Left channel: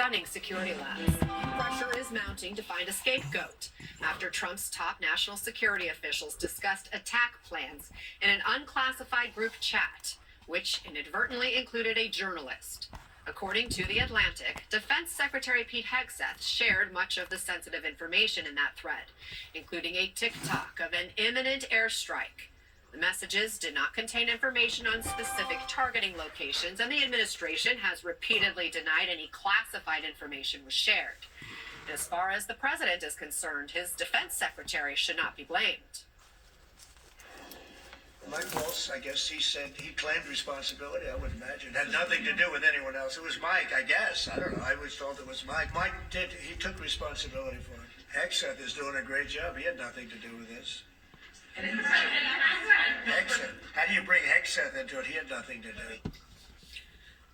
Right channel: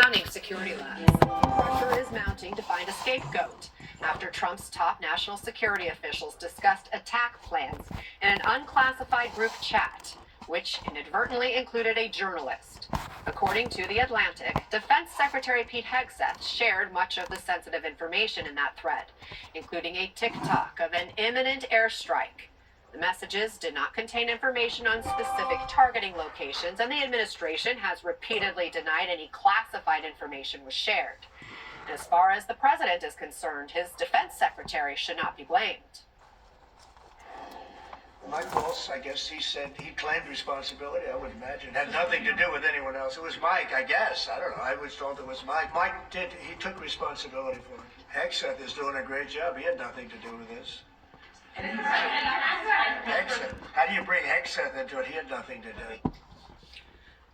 stunning security lapse. Pressure is mounting to find a scapegoat after Trump's top national security officials discussed attack plans in an unclassified group chat, which inadvertently included a journalist. According to The Atlantic, Defense Secretary Pete Hegseth shared much of the sensitive information in that thread, including a TikTok of an imminent airstrike. The messages did not contain information on specific targeting locations, and the administration has repeatedly denied any classified information was shared. And as far as the president is concerned, his defense secretary should not be blamed. Mike Waltz, I guess he said he claimed responsibility, I would imagine. Had nothing to do with anyone else. It was Mike, I guess. I don't know. I was told it was Mike. He took responsibility for it. Hegseth is doing a great job. He had nothing to do with this. Hegseth. How do you bring Hegseth into it? He had nothing to do.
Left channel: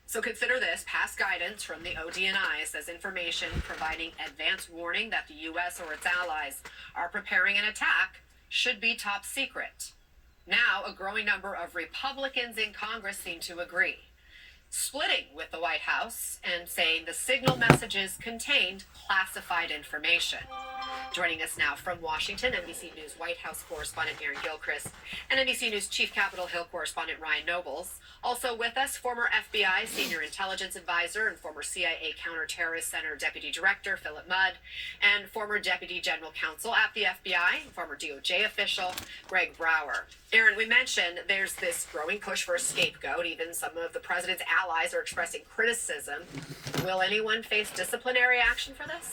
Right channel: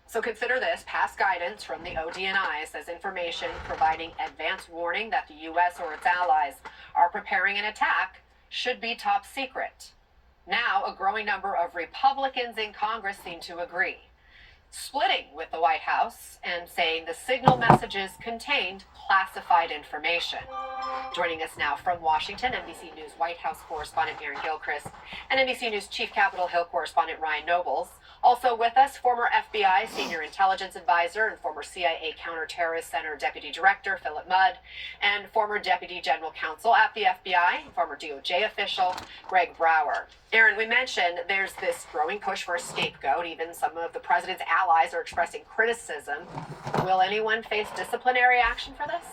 So consider this. Past guidance from the ODNI says information providing advance warning that the U.S. or its allies are preparing an attack should be top secret. Now, a growing number of Republicans in Congress seem to agree, splitting with the White House and saying the signal messages contained classified information. Joining us now from Washington, NBC News White House correspondent Aaron Gilchrist and NBC News Chief Capitol Hill correspondent Ryan Nobles. Also with us, former FBI Senior Intelligence Advisor and former CIA Counterterrorist Center Deputy Director Philip Mudd, and former Deputy General Counsel at the FBI, former DOJ official Greg Brower. Aaron, we mentioned there's this growing push for a scapegoat. Even some of the president's allies are expressing criticism. Will anyone face disciplinary action for this?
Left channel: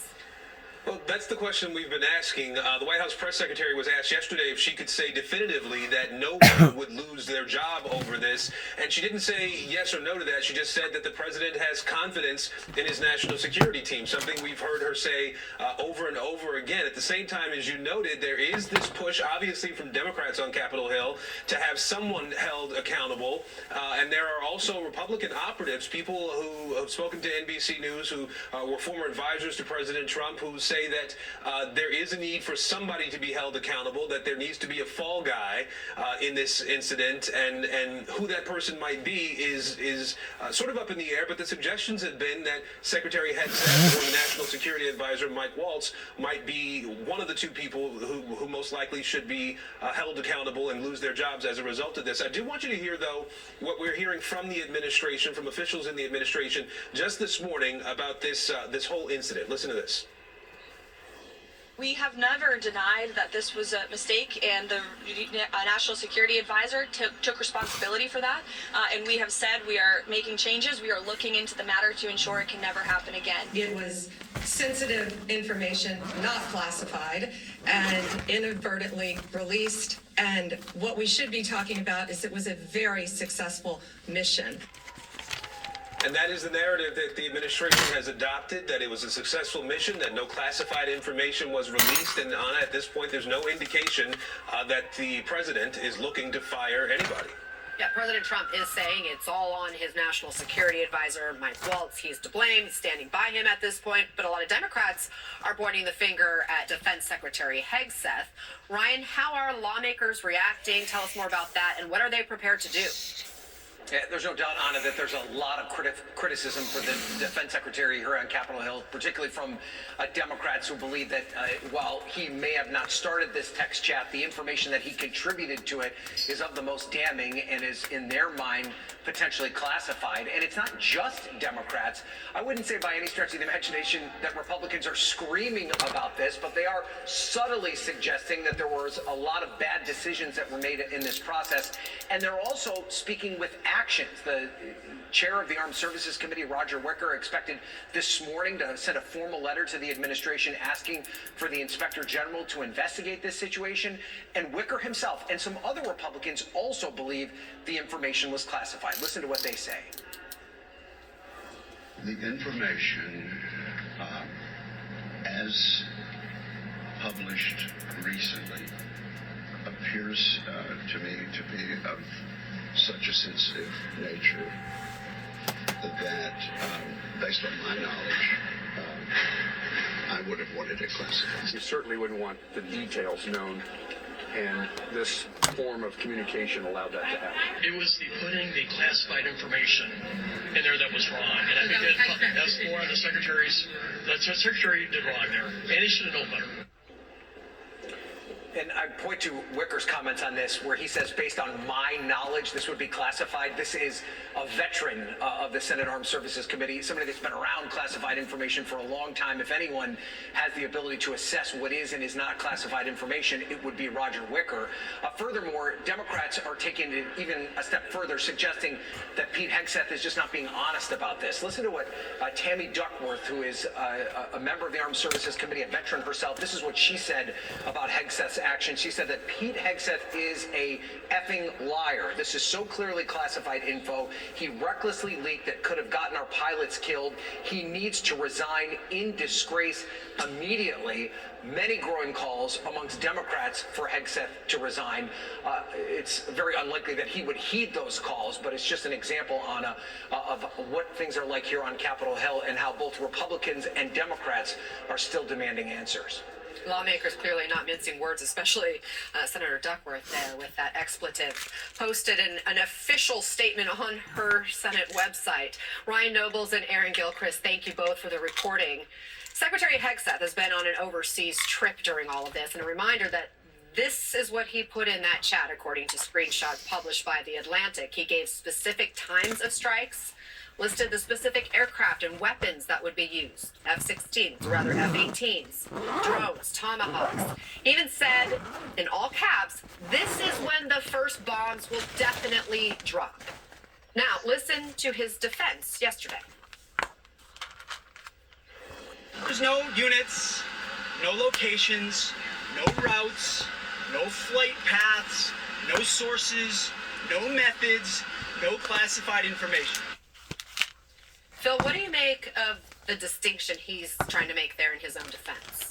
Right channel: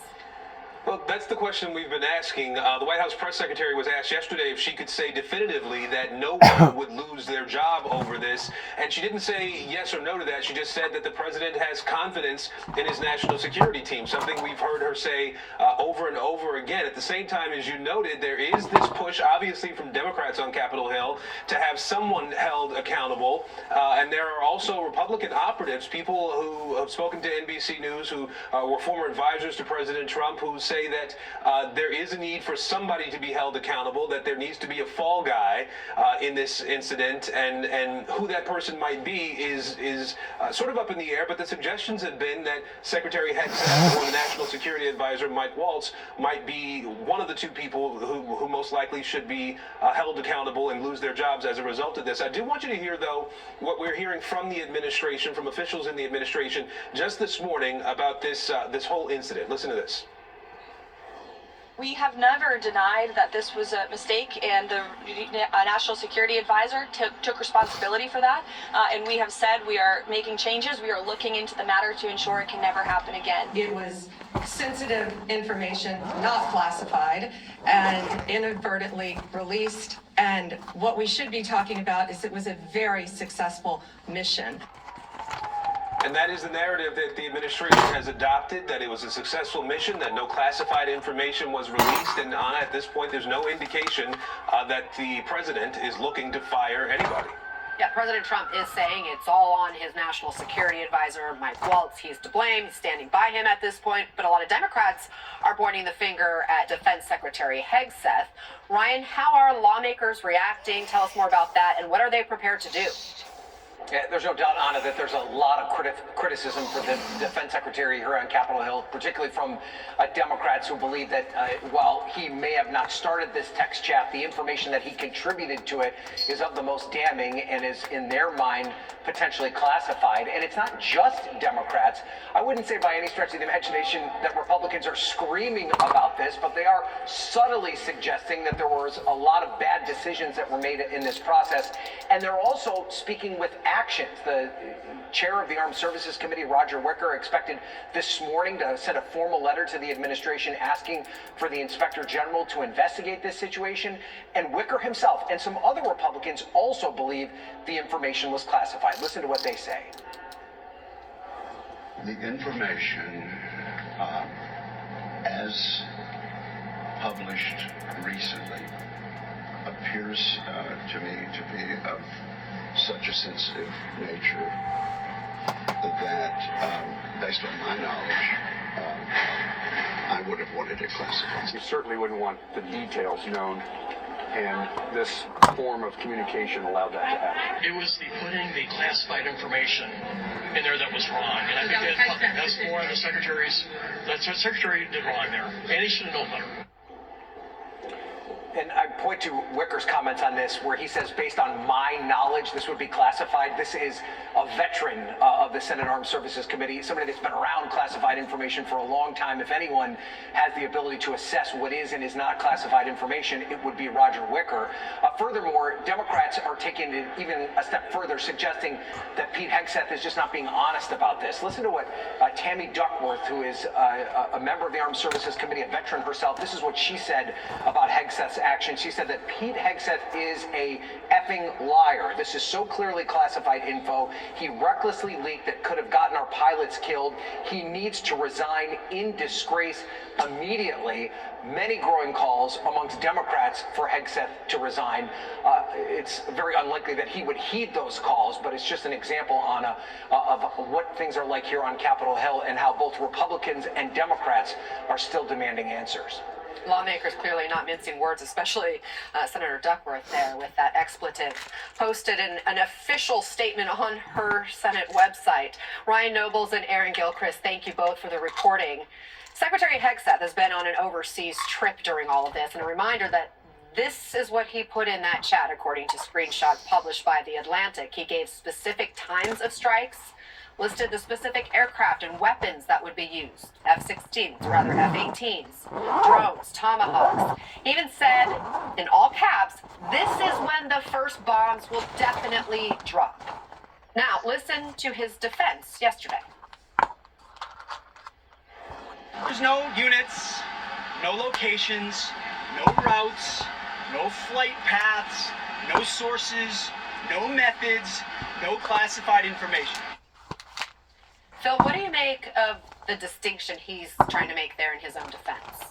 Well, that's the question we've been asking. The White House press secretary was asked yesterday if she could say definitively that no one would lose their job over this, and she didn't say yes or no to that. She just said that the president has confidence in his national security team, something we've heard her say over and over again. At the same time, as you noted, there is this push, obviously from Democrats on Capitol Hill, to have someone held accountable, and there are also Republican operatives, people who have spoken to NBC News, who were former advisors to President Trump, who say that there is a need for somebody to be held accountable, that there needs to be a fall guy in this incident, and who that person might be is sort of up in the air. But the suggestions have been that Secretary Hegseth or the National Security Advisor Mike Waltz might be one of the two people who most likely should be held accountable and lose their jobs as a result of this. I do want you to hear, though, what we're hearing from the administration, from officials in the administration just this morning about this whole incident. Listen to this. We have never denied that this was a mistake, and the National Security Advisor took responsibility for that. And we have said we are making changes. We are looking into the matter to ensure it can never happen again. It was sensitive information, not classified, and inadvertently released. And what we should be talking about is it was a very successful mission. And that is the narrative that the administration has adopted, that it was a successful mission, that no classified information was released, and at this point there's no indication that the president is looking to fire anybody. Yeah, President Trump is saying it's all on his national security advisor, Mike Waltz. He's to blame. He's standing by him at this point. But a lot of Democrats are pointing the finger at Defense Secretary Hegseth. Ryan, how are lawmakers reacting? Tell us more about that, and what are they prepared to do? Yeah, there's no doubt, Anna, that there's a lot of criticism for the defense secretary here on Capitol Hill, particularly from Democrats who believe that while he may have not started this text chat, the information that he contributed to it is of the most damning and is, in their mind, potentially classified. And it's not just Democrats. I wouldn't say by any stretch of the imagination that Republicans are screaming about this, but they are subtly suggesting that there was a lot of bad decisions that were made in this process. And they're also speaking with actions. The chair of the Armed Services Committee, Roger Wicker, expected this morning to send a formal letter to the administration asking for the Inspector General to investigate this situation. And Wicker himself and some other Republicans also believe the information was classified. Listen to what they say. The information, as published recently, appears to me to be of such a sensitive nature that, based on my knowledge, I would have wanted it classified. You certainly wouldn't want the details known and this form of communication allowed that to happen. It was the putting the classified information in there that was wrong, and I think that's more of the secretary's. That's what secretary did wrong there, and he should have known better. And I point to Wicker's comments on this, where he says, based on my knowledge, this would be classified. This is a veteran of the Senate Armed Services Committee, somebody that's been around classified information for a long time. If anyone has the ability to assess what is and is not classified information, it would be Roger Wicker. Furthermore, Democrats are taking it even a step further, suggesting that Pete Hegseth is just not being honest about this. Listen to what Tammy Duckworth, who is a member of the Armed Services Committee, a veteran herself, this is what she said about Hegseth's action. She said that Pete Hegseth is a effing liar. This is so clearly classified info. He recklessly leaked that could have gotten our pilots killed. He needs to resign in disgrace immediately. Many growing calls amongst Democrats for Hegseth to resign. It's very unlikely that he would heed those calls, but it's just an example of what things are like here on Capitol Hill and how both Republicans and Democrats are still demanding answers. Lawmakers clearly not mincing words, especially Senator Duckworth there with that expletive. Posted an official statement on her Senate website. Ryan Nobles and Aaron Gilchrist, thank you both for the reporting. Secretary Hegseth has been on an overseas trip during all of this, and a reminder that this is what he put in that chat, according to screenshots published by The Atlantic. He gave specific times of strikes, listed the specific aircraft and weapons that would be used. F-18s, drones, Tomahawks. He even said, in all caps, this is when the first bombs will definitely drop. Now, listen to his defense yesterday. There's no units, no locations, no routes, no flight paths, no sources, no methods, no classified information. Phil, what do you make of the distinction he's trying to make there in his own defense?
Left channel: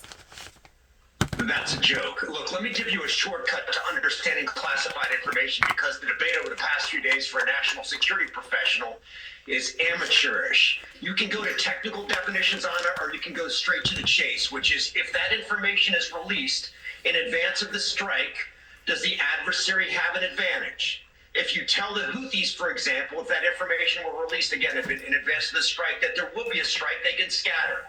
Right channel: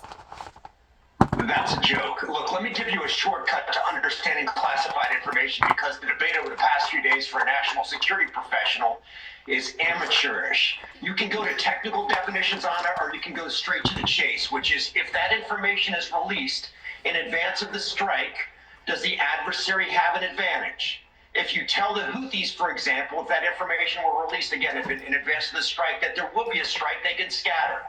That's a joke. Look, let me give you a shortcut to understanding classified information, because the debate over the past few days for a national security professional is amateurish. You can go to technical definitions on it, or you can go straight to the chase, which is, if that information is released in advance of the strike, does the adversary have an advantage? If you tell the Houthis, for example, if that information were released again in advance of the strike, that there will be a strike, they can scatter.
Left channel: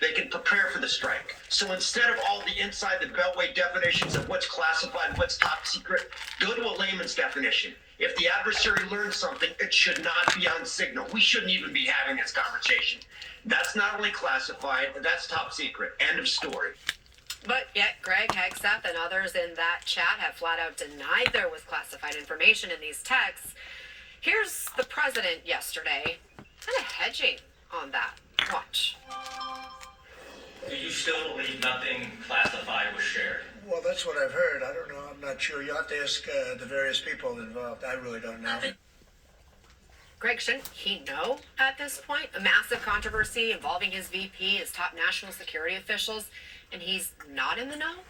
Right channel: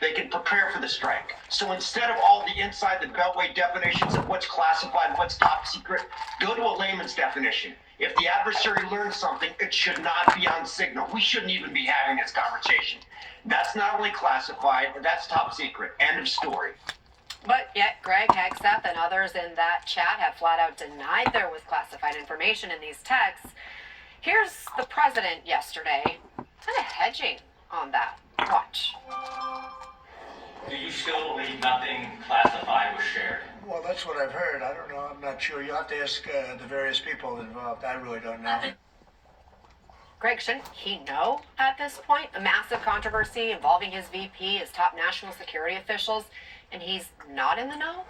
They can prepare for the strike. So instead of all the inside the beltway definitions of what's classified, what's top secret, go to a layman's definition. If the adversary learns something, it should not be on signal. We shouldn't even be having this conversation. That's not only classified, that's top secret. End of story. But yet Greg Hegseth and others in that chat have flat out denied there was classified information in these texts. Here's the president yesterday, kind of hedging on that. Watch. Do you still believe nothing classified was shared? Well, that's what I've heard. I don't know. I'm not sure. You'll have to ask the various people involved. I really don't know. Greg, shouldn't he know at this point? A massive controversy involving his VP, his top national security officials, and he's not in the know?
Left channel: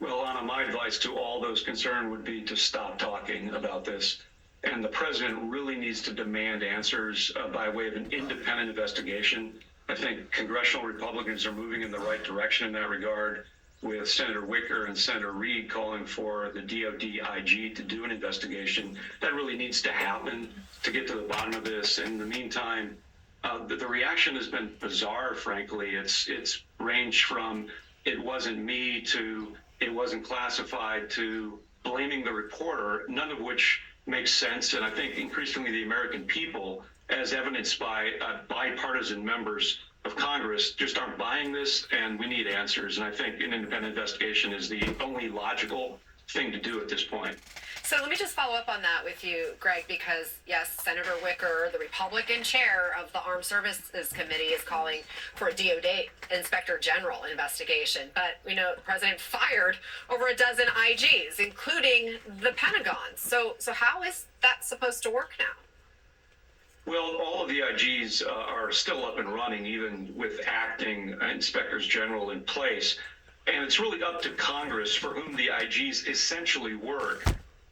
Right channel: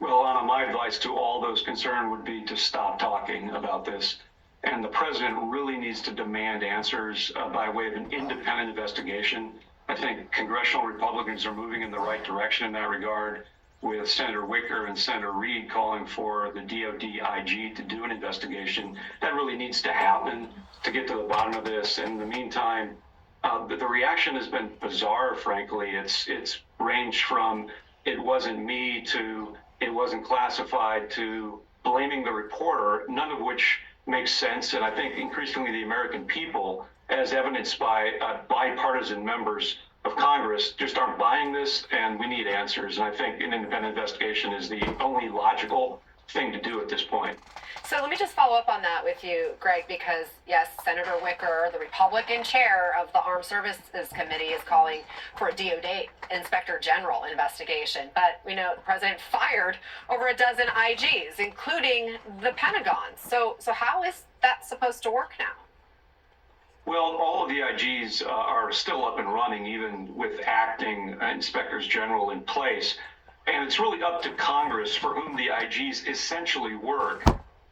Well, Anna, my advice to all those concerned would be to stop talking about this. And the president really needs to demand answers by way of an independent investigation. I think congressional Republicans are moving in the right direction in that regard, with Senator Wicker and Senator Reid calling for the DOD IG to do an investigation. That really needs to happen to get to the bottom of this. In the meantime, the reaction has been bizarre, frankly. It's ranged from it wasn't me to it wasn't classified to blaming the reporter, none of which makes sense. And I think increasingly the American people, as evidenced by bipartisan members of Congress, just aren't buying this, and we need answers. And I think an independent investigation is the only logical thing to do at this point. So let me just follow up on that with you, Greg, because yes, Senator Wicker, the Republican chair of the Armed Services Committee, is calling for a DOD Inspector General investigation. But we know the president fired over a dozen IGs, including the Pentagon. So how is that supposed to work now? Well, all of the IGs are still up and running, even with acting inspectors general in place. And it's really up to Congress, for whom the IGs essentially work,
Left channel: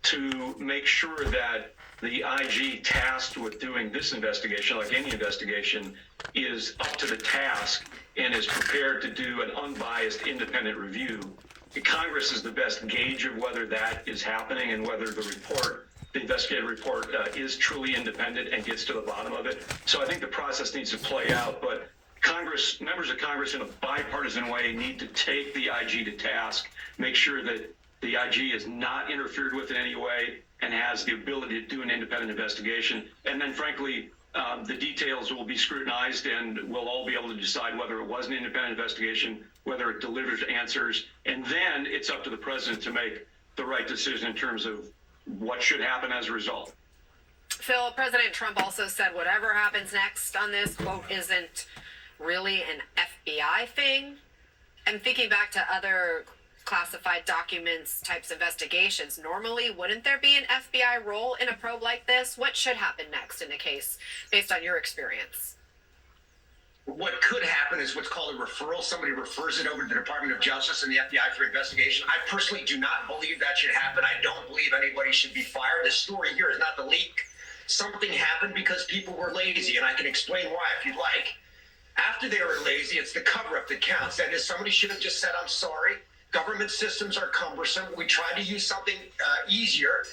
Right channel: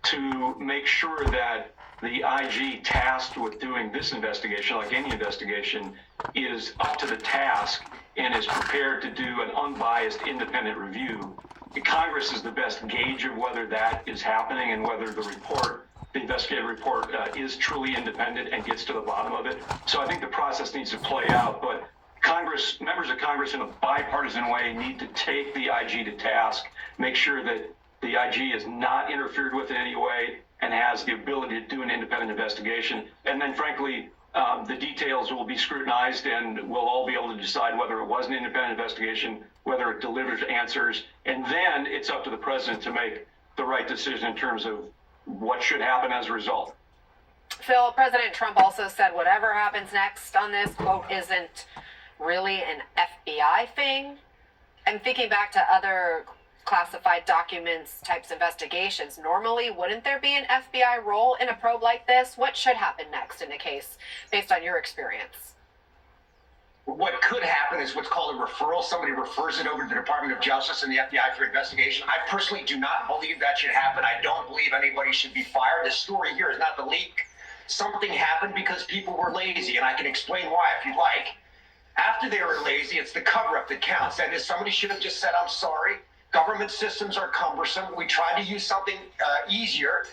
to make sure that the IG tasked with doing this investigation, like any investigation, is up to the task and is prepared to do an unbiased independent review Congress is the best gauge of whether that is happening and whether the investigative report is truly independent and gets to the bottom of it. So I think the process needs to play out, but members of Congress in a bipartisan way need to take the IG to task, make sure that the IG is not interfered with in any way and has the ability to do an independent investigation. And then frankly, the details will be scrutinized and we'll all be able to decide whether it was an independent investigation, whether it delivers answers, and then it's up to the president to make the right decision in terms of what should happen as a result. Phil, President Trump also said whatever happens next on this, quote, isn't really an FBI thing. And thinking back to other classified documents types investigations, normally wouldn't there be an FBI role in a probe like this? What should happen next in a case based on your experience? What could happen is what's called a referral. Somebody refers it over to the Department of Justice and the FBI for investigation. I personally do not believe that should happen. I don't believe anybody should be fired. The story here is not the leak. Something happened because people were lazy, and I can explain why if you'd like. After they were lazy, it's the cover-up that counts. That is, somebody should have just said, I'm sorry. Government systems are cumbersome. We tried to use something easier,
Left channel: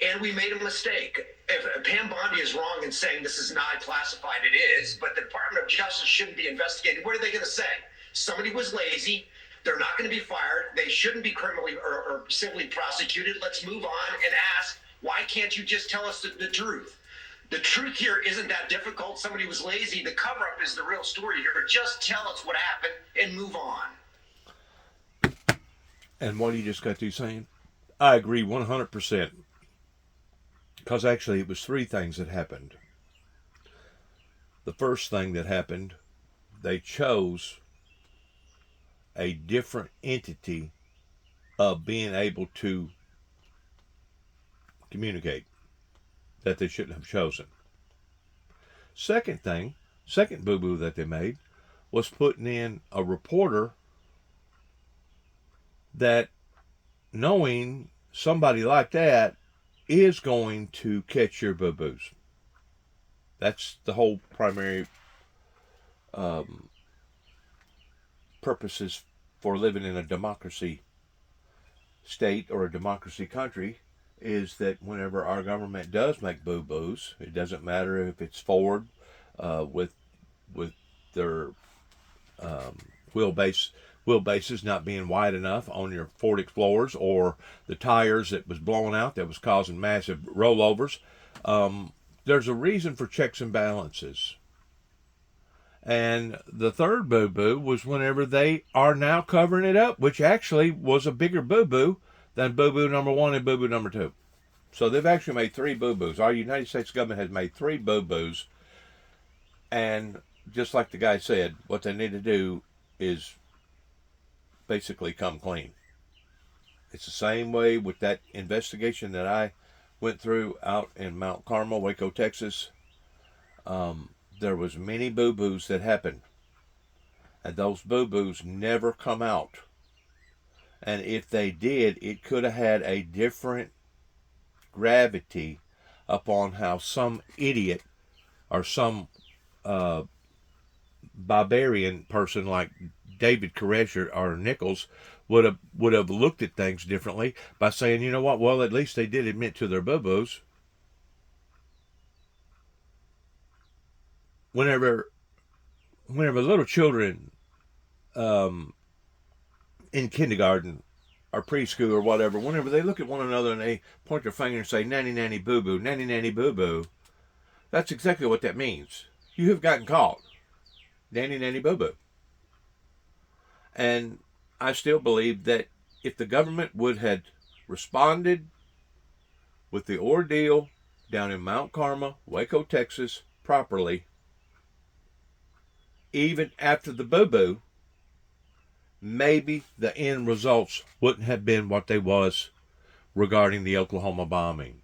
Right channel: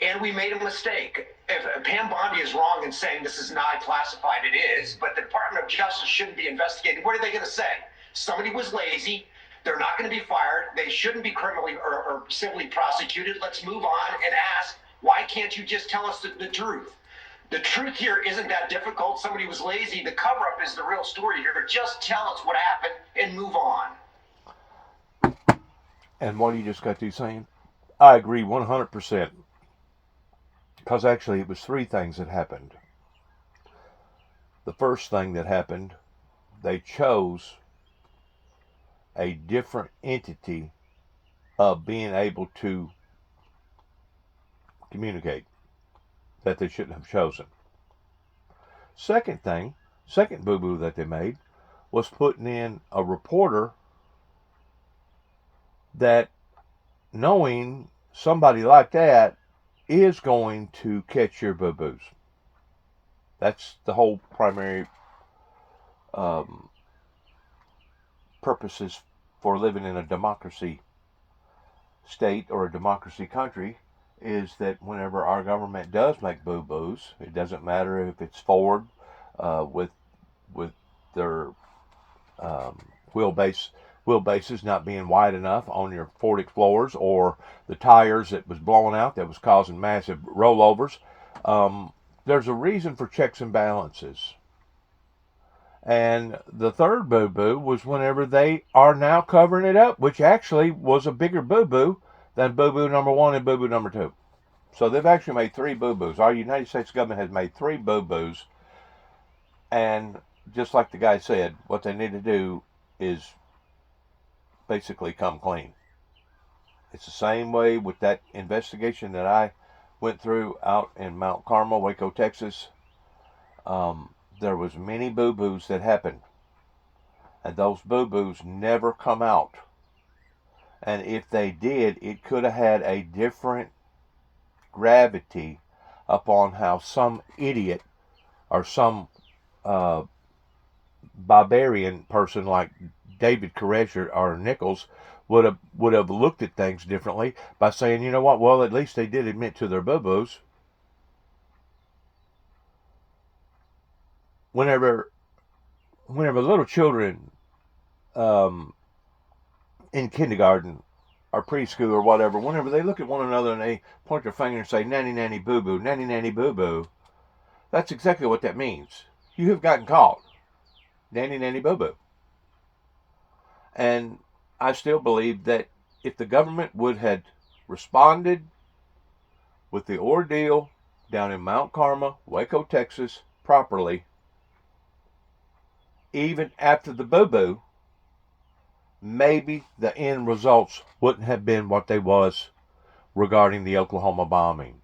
and we made a mistake. If Pam Bondi is wrong in saying this is not classified, it is, but the Department of Justice shouldn't be investigating. What are they going to say? Somebody was lazy. They're not going to be fired. They shouldn't be criminally or civilly prosecuted. Let's move on and ask, why can't you just tell us the truth? The truth here isn't that difficult. Somebody was lazy. The cover-up is the real story here. Just tell us what happened and move on. And what you just got through saying, I agree 100%. Because actually it was three things that happened. The first thing that happened, they chose a different entity of being able to communicate that they shouldn't have chosen. Second boo-boo that they made was putting in a reporter that, knowing somebody like that is going to catch your boo-boos. That's the whole primary purposes for living in a democracy state or a democracy country, is that whenever our government does make boo-boos, it doesn't matter if it's Ford with their wheelbases not being wide enough on your Ford Explorers, or the tires that was blowing out that was causing massive rollovers. There's a reason for checks and balances. And the third boo-boo was whenever they are now covering it up, which actually was a bigger boo-boo than boo-boo number one and boo-boo number two. So they've actually made three boo-boos. Our United States government has made three boo-boos. And just like the guy said, what they need to do is basically come clean. It's the same way with that investigation that I went through out in Mount Carmel, Waco, Texas. There was many boo-boos that happened, and those boo-boos never come out. And if they did, it could have had a different gravity upon how some idiot or some barbarian person like David Koresh or Nichols would have looked at things differently by saying, you know what, well, at least they did admit to their boo-boos. Whenever little children in kindergarten or preschool or whatever, whenever they look at one another and they point their finger and say, nanny, nanny, boo-boo, nanny, nanny, boo-boo, that's exactly what that means. You have gotten caught. Nanny, nanny, boo-boo. And I still believe that if the government would have responded with the ordeal down in Mount Carmel, Waco, Texas, properly, even after the boo-boo, maybe the end results wouldn't have been what they was regarding the Oklahoma bombing.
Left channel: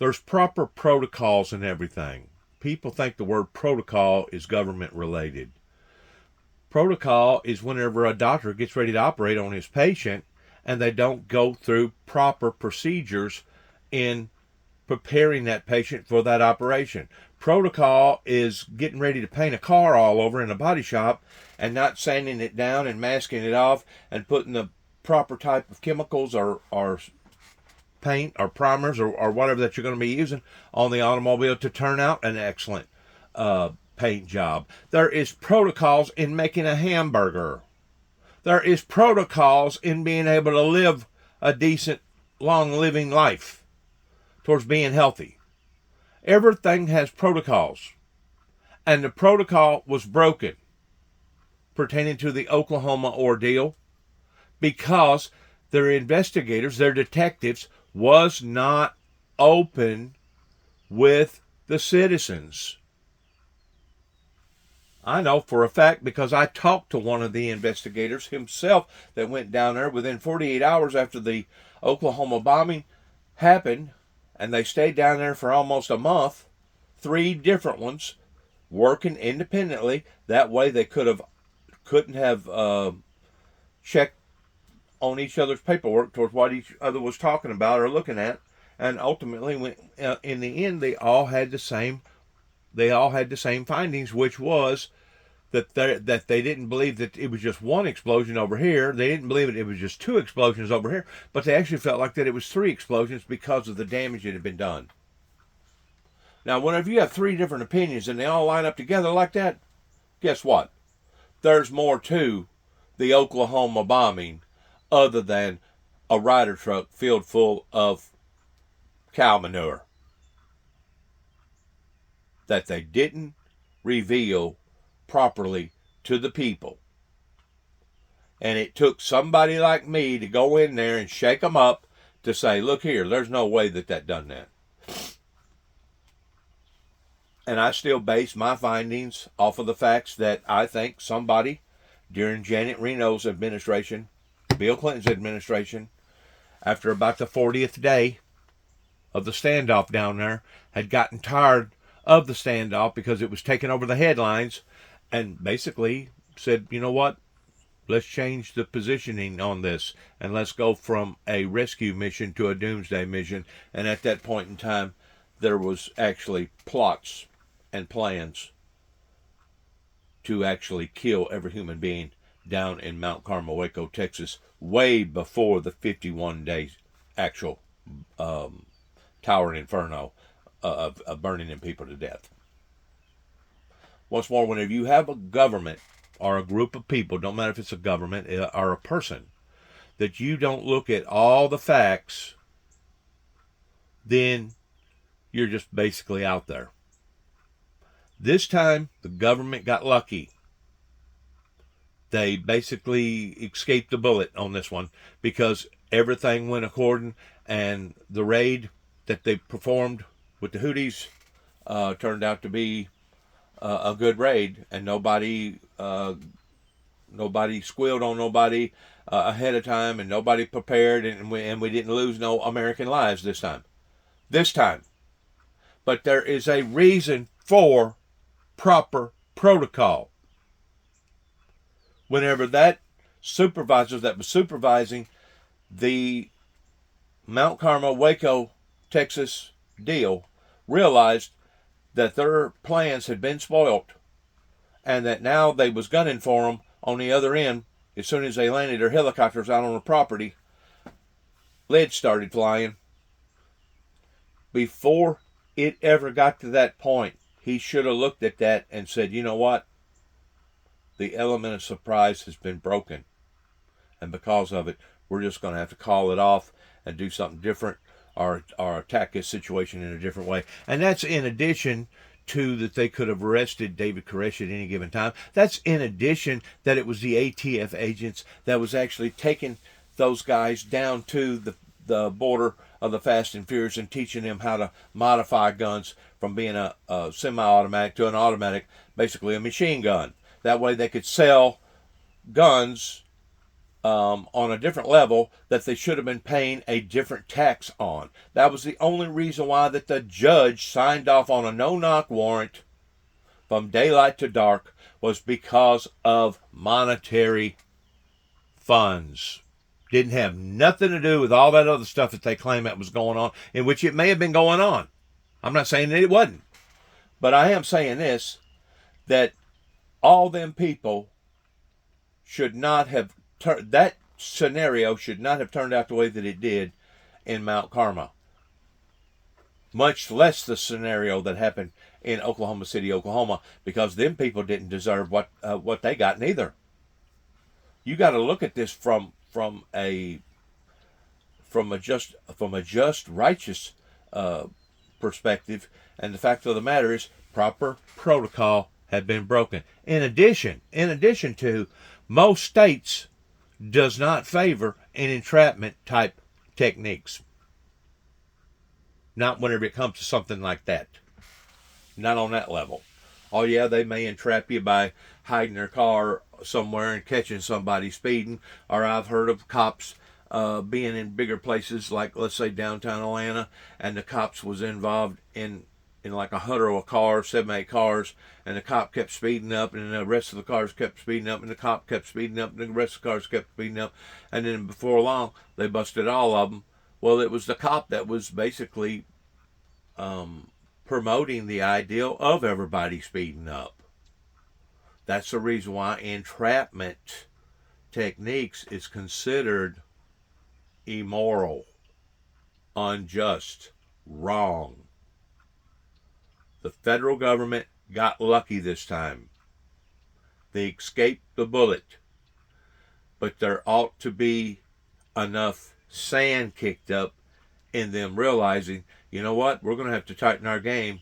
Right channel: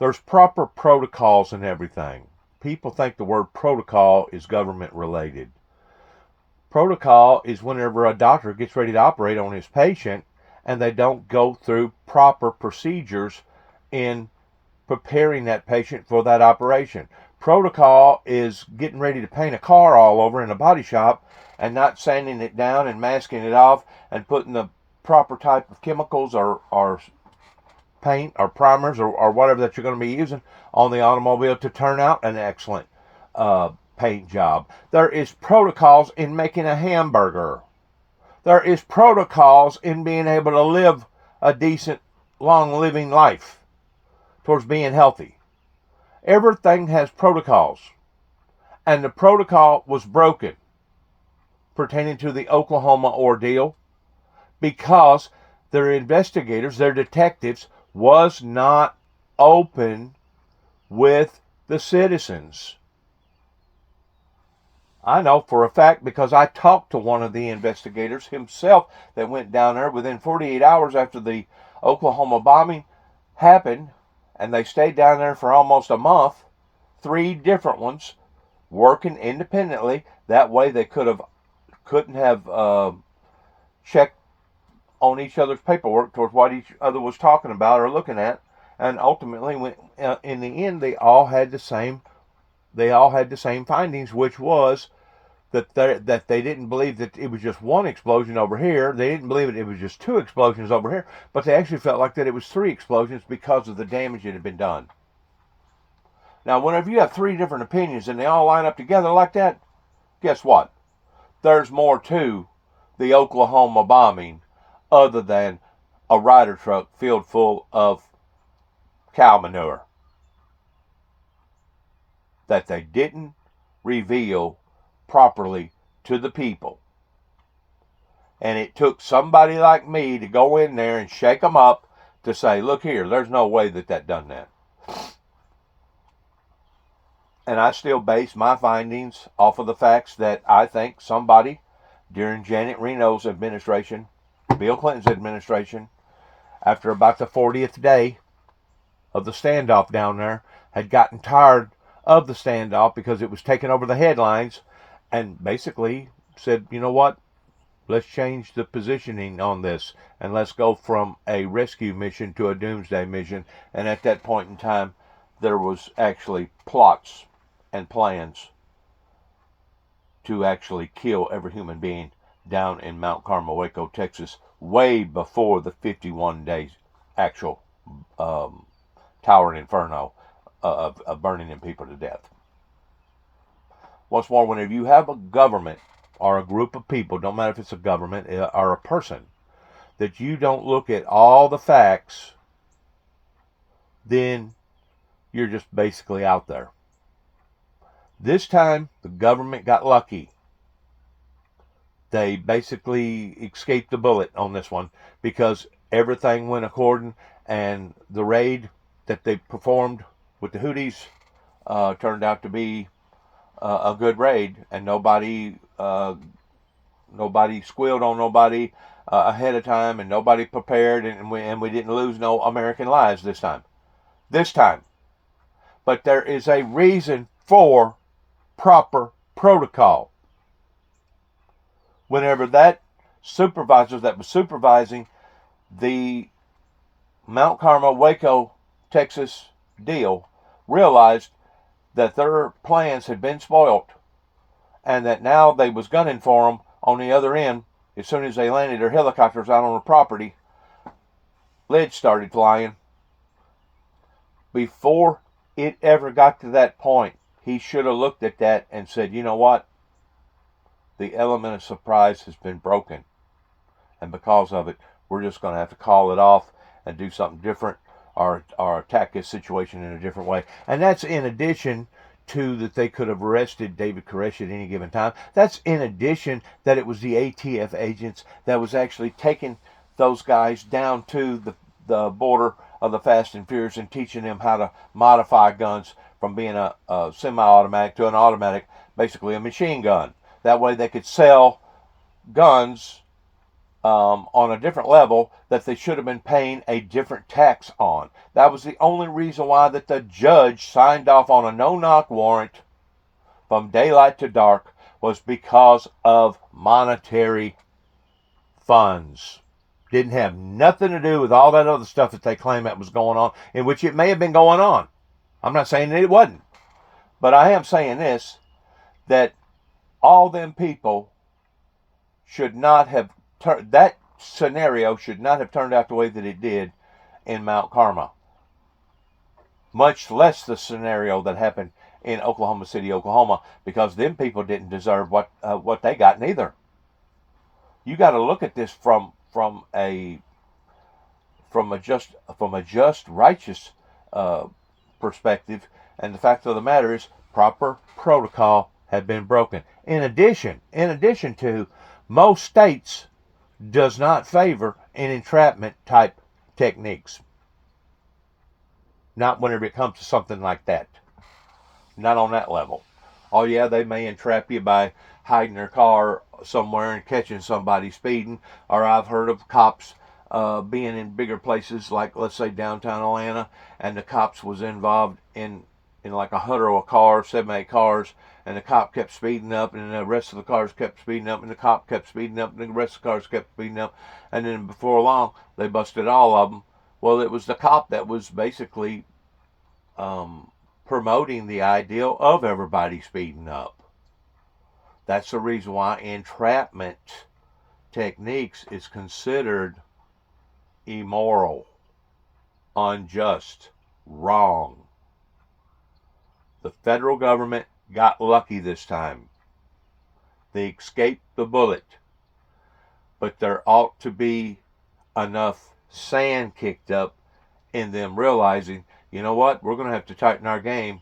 There's proper protocols and everything. People think the word protocol is government related. Protocol is whenever a doctor gets ready to operate on his patient and they don't go through proper procedures in preparing that patient for that operation. Protocol is getting ready to paint a car all over in a body shop and not sanding it down and masking it off and putting the proper type of chemicals or paint or primers or whatever that you're going to be using on the automobile to turn out an excellent paint job. There is protocols in making a hamburger. There is protocols in being able to live a decent, long living life towards being healthy. Everything has protocols. And the protocol was broken pertaining to the Oklahoma ordeal because their investigators, their detectives, was not open with the citizens. I know for a fact because I talked to one of the investigators himself that went down there within 48 hours after the Oklahoma bombing happened, and they stayed down there for almost a month, 3 different ones, working independently. That way they couldn't have checked on each other's paperwork towards what each other was talking about or looking at, and ultimately, in the end, they all had the same findings, which was that they didn't believe that it was just one explosion over here. They didn't believe it was just 2 explosions over here, but they actually felt like that it was 3 explosions because of the damage that had been done. Now, whenever you have 3 different opinions and they all line up together like that, guess what? There's more to the Oklahoma bombing other than a Ryder truck filled full of cow manure that they didn't reveal properly to the people. And it took somebody like me to go in there and shake them up to say, look here, there's no way that done that. And I still base my findings off of the facts that I think somebody during Janet Reno's administration, Bill Clinton's administration, after about the 40th day of the standoff down there, had gotten tired of the standoff because it was taking over the headlines, and basically said, you know what, let's change the positioning on this and let's go from a rescue mission to a doomsday mission. And at that point in time, there was actually plots and plans to actually kill every human being down in Mount Carmel, Waco, Texas, way before the 51-day actual towering inferno of burning in people to death. Once more, whenever you have a government or a group of people, don't matter if it's a government or a person, that you don't look at all the facts, then you're just basically out there. This time, the government got lucky. They basically escaped the bullet on this one because everything went according, and the raid that they performed with the Houthis turned out to be a good raid, and nobody squealed on nobody ahead of time, and nobody prepared, and we didn't lose no American lives this time. But there is a reason for proper protocol. Whenever that supervisor that was supervising the Mount Carmel, Waco, Texas deal realized that their plans had been spoiled and that now they was gunning for them on the other end, as soon as they landed their helicopters out on the property, lead started flying. Before it ever got to that point, he should have looked at that and said, you know what? The element of surprise has been broken. And because of it, we're just going to have to call it off and do something different or attack this situation in a different way. And that's in addition to that they could have arrested David Koresh at any given time. That's in addition that it was the ATF agents that was actually taking those guys down to the border of the Fast and Furious and teaching them how to modify guns from being a semi-automatic to an automatic, basically a machine gun. That way they could sell guns on a different level that they should have been paying a different tax on. That was the only reason why that the judge signed off on a no-knock warrant from daylight to dark, was because of monetary funds. Didn't have nothing to do with all that other stuff that they claim that was going on, in which it may have been going on. I'm not saying that it wasn't. But I am saying this, that all them people should not have, that scenario should not have turned out the way that it did in Mount Carmel. Much less the scenario that happened in Oklahoma City, Oklahoma, because them people didn't deserve what they got neither. You got to look at this from a just righteous perspective, and the fact of the matter is proper protocol had been broken. In addition to, most states does not favor an entrapment type techniques. Not whenever it comes to something like that. Not on that level. Oh yeah, they may entrap you by hiding their car somewhere and catching somebody speeding, or I've heard of cops being in bigger places like, let's say, downtown Atlanta, and the cops was involved in like 100 of cars, 7, 8 cars, and the cop kept speeding up, and the rest of the cars kept speeding up, and the cop kept speeding up, and the rest of the cars kept speeding up, and then before long they busted all of them. Well, it was the cop that was basically promoting the ideal of everybody speeding up. That's the reason why entrapment techniques is considered immoral, unjust, wrong. The federal government got lucky this time. They escaped the bullet. But there ought to be enough sand kicked up in them realizing, you know what, we're going to have to tighten our game,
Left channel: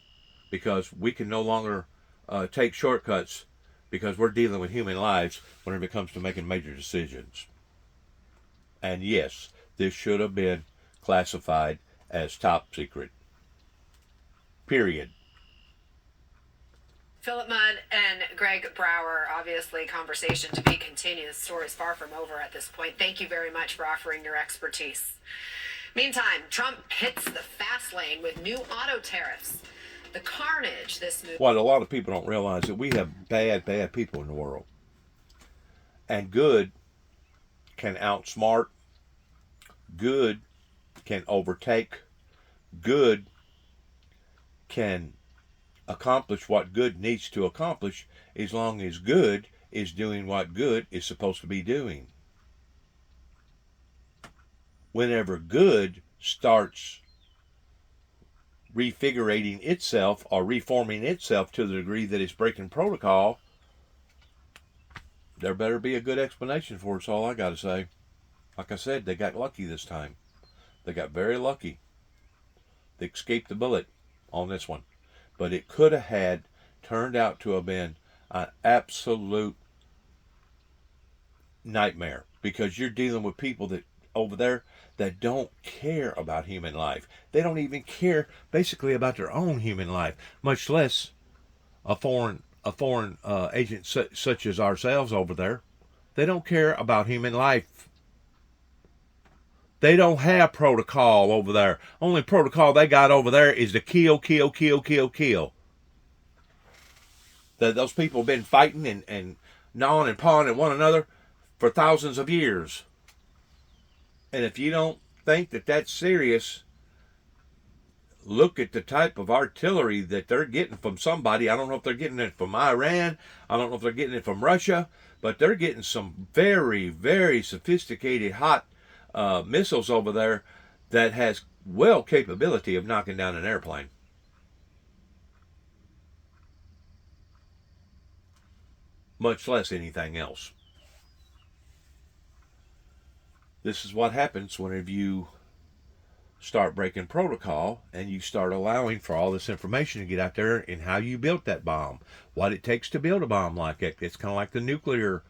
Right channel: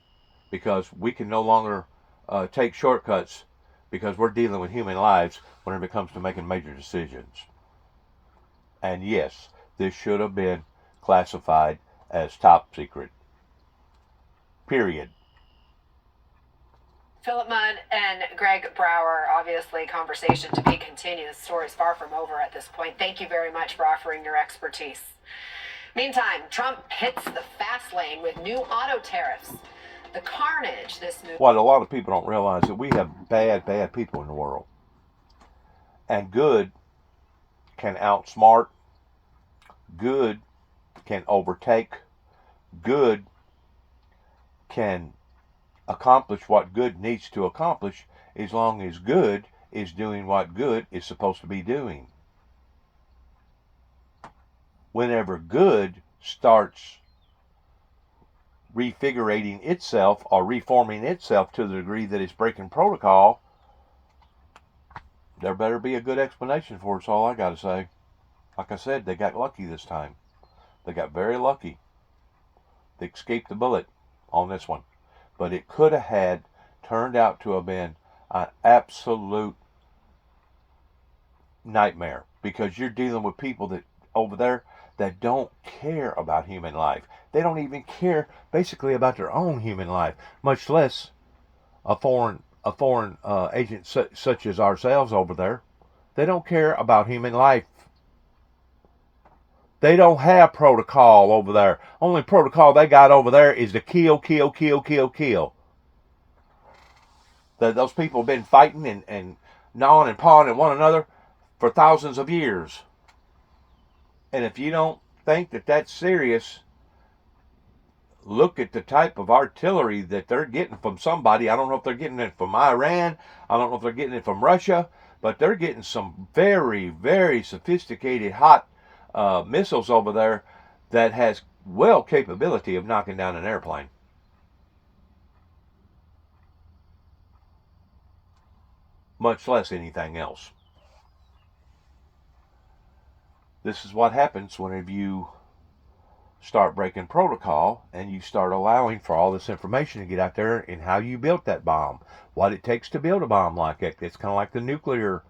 because we can no longer take shortcuts, because we're dealing with human lives whenever it comes to making major decisions. And yes, this should have been classified as top secret. Period. Philip Mudd and Greg Brower, obviously conversation to be continued. The story's far from over at this point. Thank you very much for offering your expertise. Meantime, Trump hits the fast lane with new auto tariffs. The carnage this move. What a lot of people don't realize, that we have bad people in the world. And good can outsmart, good can overtake, good can accomplish what good needs to accomplish, as long as good is doing what good is supposed to be doing. Whenever good starts refigurating itself or reforming itself to the degree that it's breaking protocol, there better be a good explanation for it. That's all I got to say. Like I said, they got lucky this time. They got very lucky. They escaped the bullet on this one. But it could have had turned out to have been an absolute nightmare, because you're dealing with people that over there that don't care about human life. They don't even care basically about their own human life, much less a foreign agent such as ourselves over there. They don't care about human life. They don't have protocol over there. Only protocol they got over there is to kill. Those people have been fighting and gnawing and pawing at one another for thousands of years. And if you don't think that that's serious, look at the type of artillery that they're getting from somebody. I don't know if they're getting it from Iran. I don't know if they're getting it from Russia. But they're getting some very, very sophisticated hot missiles over there that has well capability of knocking down an airplane. Much less anything else. This is what happens whenever you start breaking protocol and you start allowing for all this information to get out there, and how you built that bomb, what it takes to build a bomb like it. It's kind of like the nuclear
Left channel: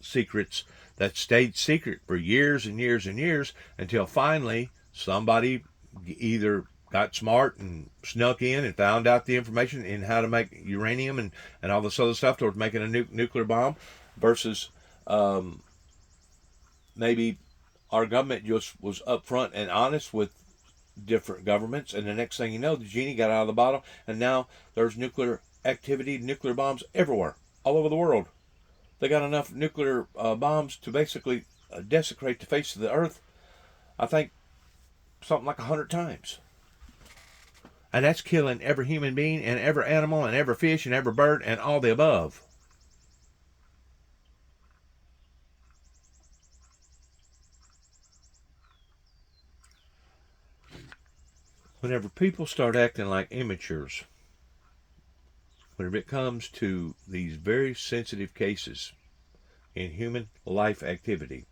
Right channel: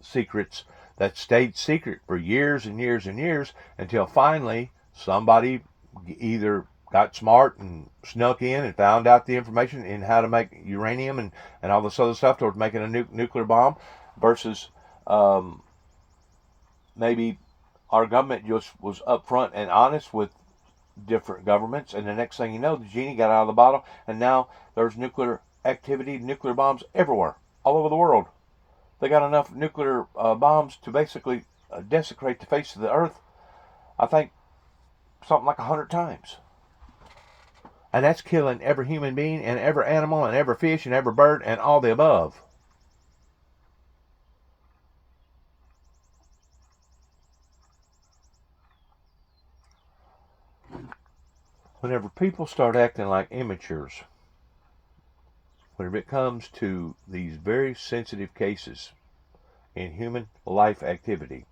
secrets that stayed secret for years and years and years, until finally somebody either got smart and snuck in and found out the information in how to make uranium and all this other stuff towards making a nuclear bomb, versus maybe our government just was upfront and honest with different governments, and the next thing you know, the genie got out of the bottle, and now there's nuclear activity, nuclear bombs everywhere, all over the world. They got enough nuclear bombs to basically desecrate the face of the earth, I think, something like 100 times. And that's killing every human being and every animal and every fish and every bird and all the above. Whenever people start acting like amateurs, whenever it comes to these very sensitive cases in human life activity,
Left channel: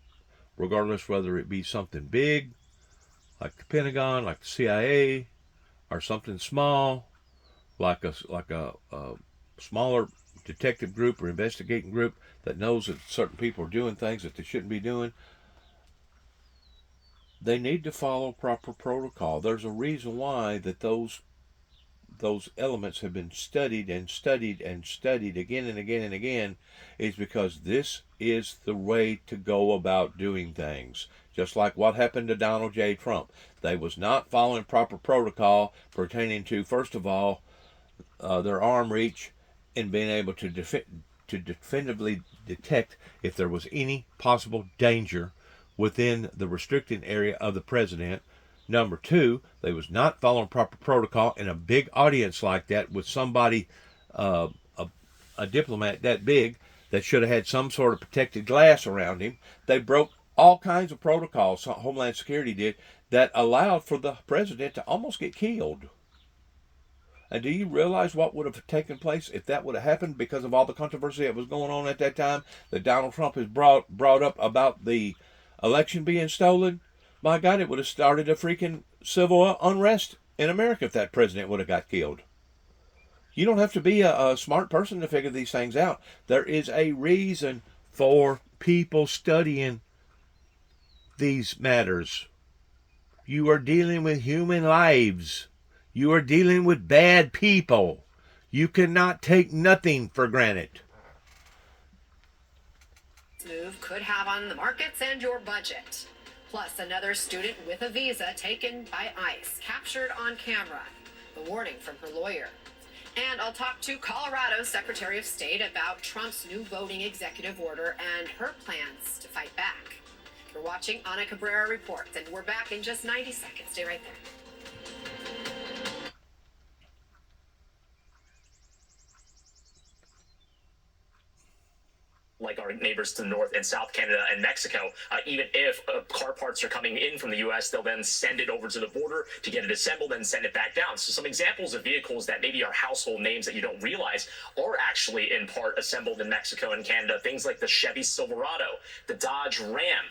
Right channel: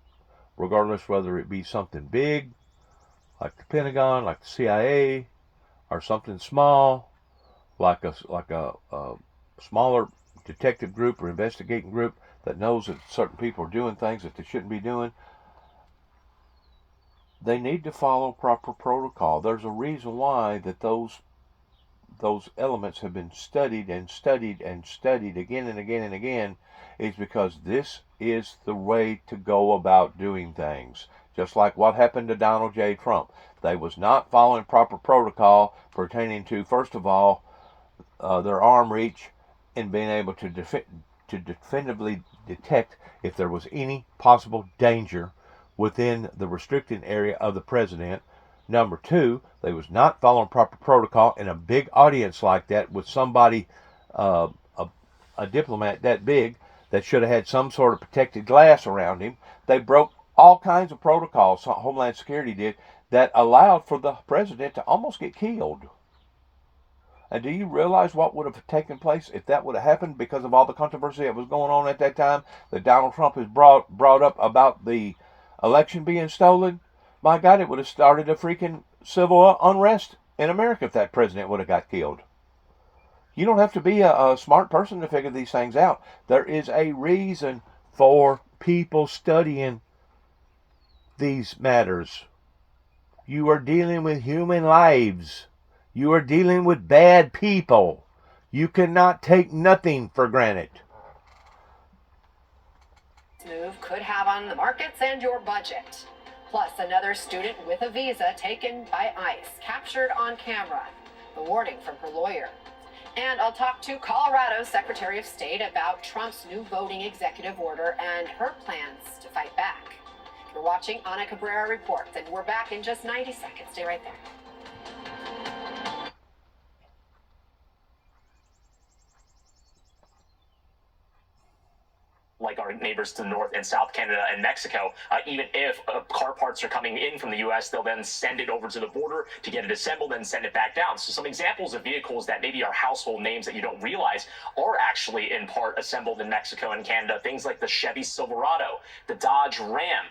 regardless whether it be something big, like the Pentagon, like the CIA, or something small, like a smaller detective group or investigating group that knows that certain people are doing things that they shouldn't be doing, they need to follow proper protocol. There's a reason why that those elements have been studied and studied and studied again and again and again, is because this is the way to go about doing things. Just like what happened to Donald J. Trump. They was not following proper protocol pertaining to, first of all, their arm reach and being able to definitively detect if there was any possible danger within the restricted area of the president. Number two, they was not following proper protocol in a big audience like that with somebody, a diplomat that big, that should have had some sort of protected glass around him. They broke all kinds of protocols, Homeland Security did, that allowed for the president to almost get killed. And do you realize what would have taken place if that would have happened because of all the controversy that was going on at that time that Donald Trump has brought up about the election being stolen? My God, it would have started a freaking civil unrest in America if that president would have got killed. You don't have to be a smart person to figure these things out. There is a reason for people studying these matters. You are dealing with human lives. You are dealing with bad people. You cannot take nothing for granted. Move could have on the markets and your budget. Plus, another student with a visa taken by ICE, captured on camera. The warning from her lawyer. And I'll talk to Colorado's Secretary of State about Trump's new voting executive order and her plans to fight back. You're watching Ana Cabrera Reports, and we're back in just 90 seconds. Stay right there. Like our neighbors to the north in South Canada and Mexico, even if car parts are coming in from the U.S., they'll then send it over to the border to get it assembled and send it back down. So some examples of vehicles that maybe are household names that you don't realize are actually in part assembled in Mexico and Canada. Things like the Chevy Silverado, the Dodge Ram,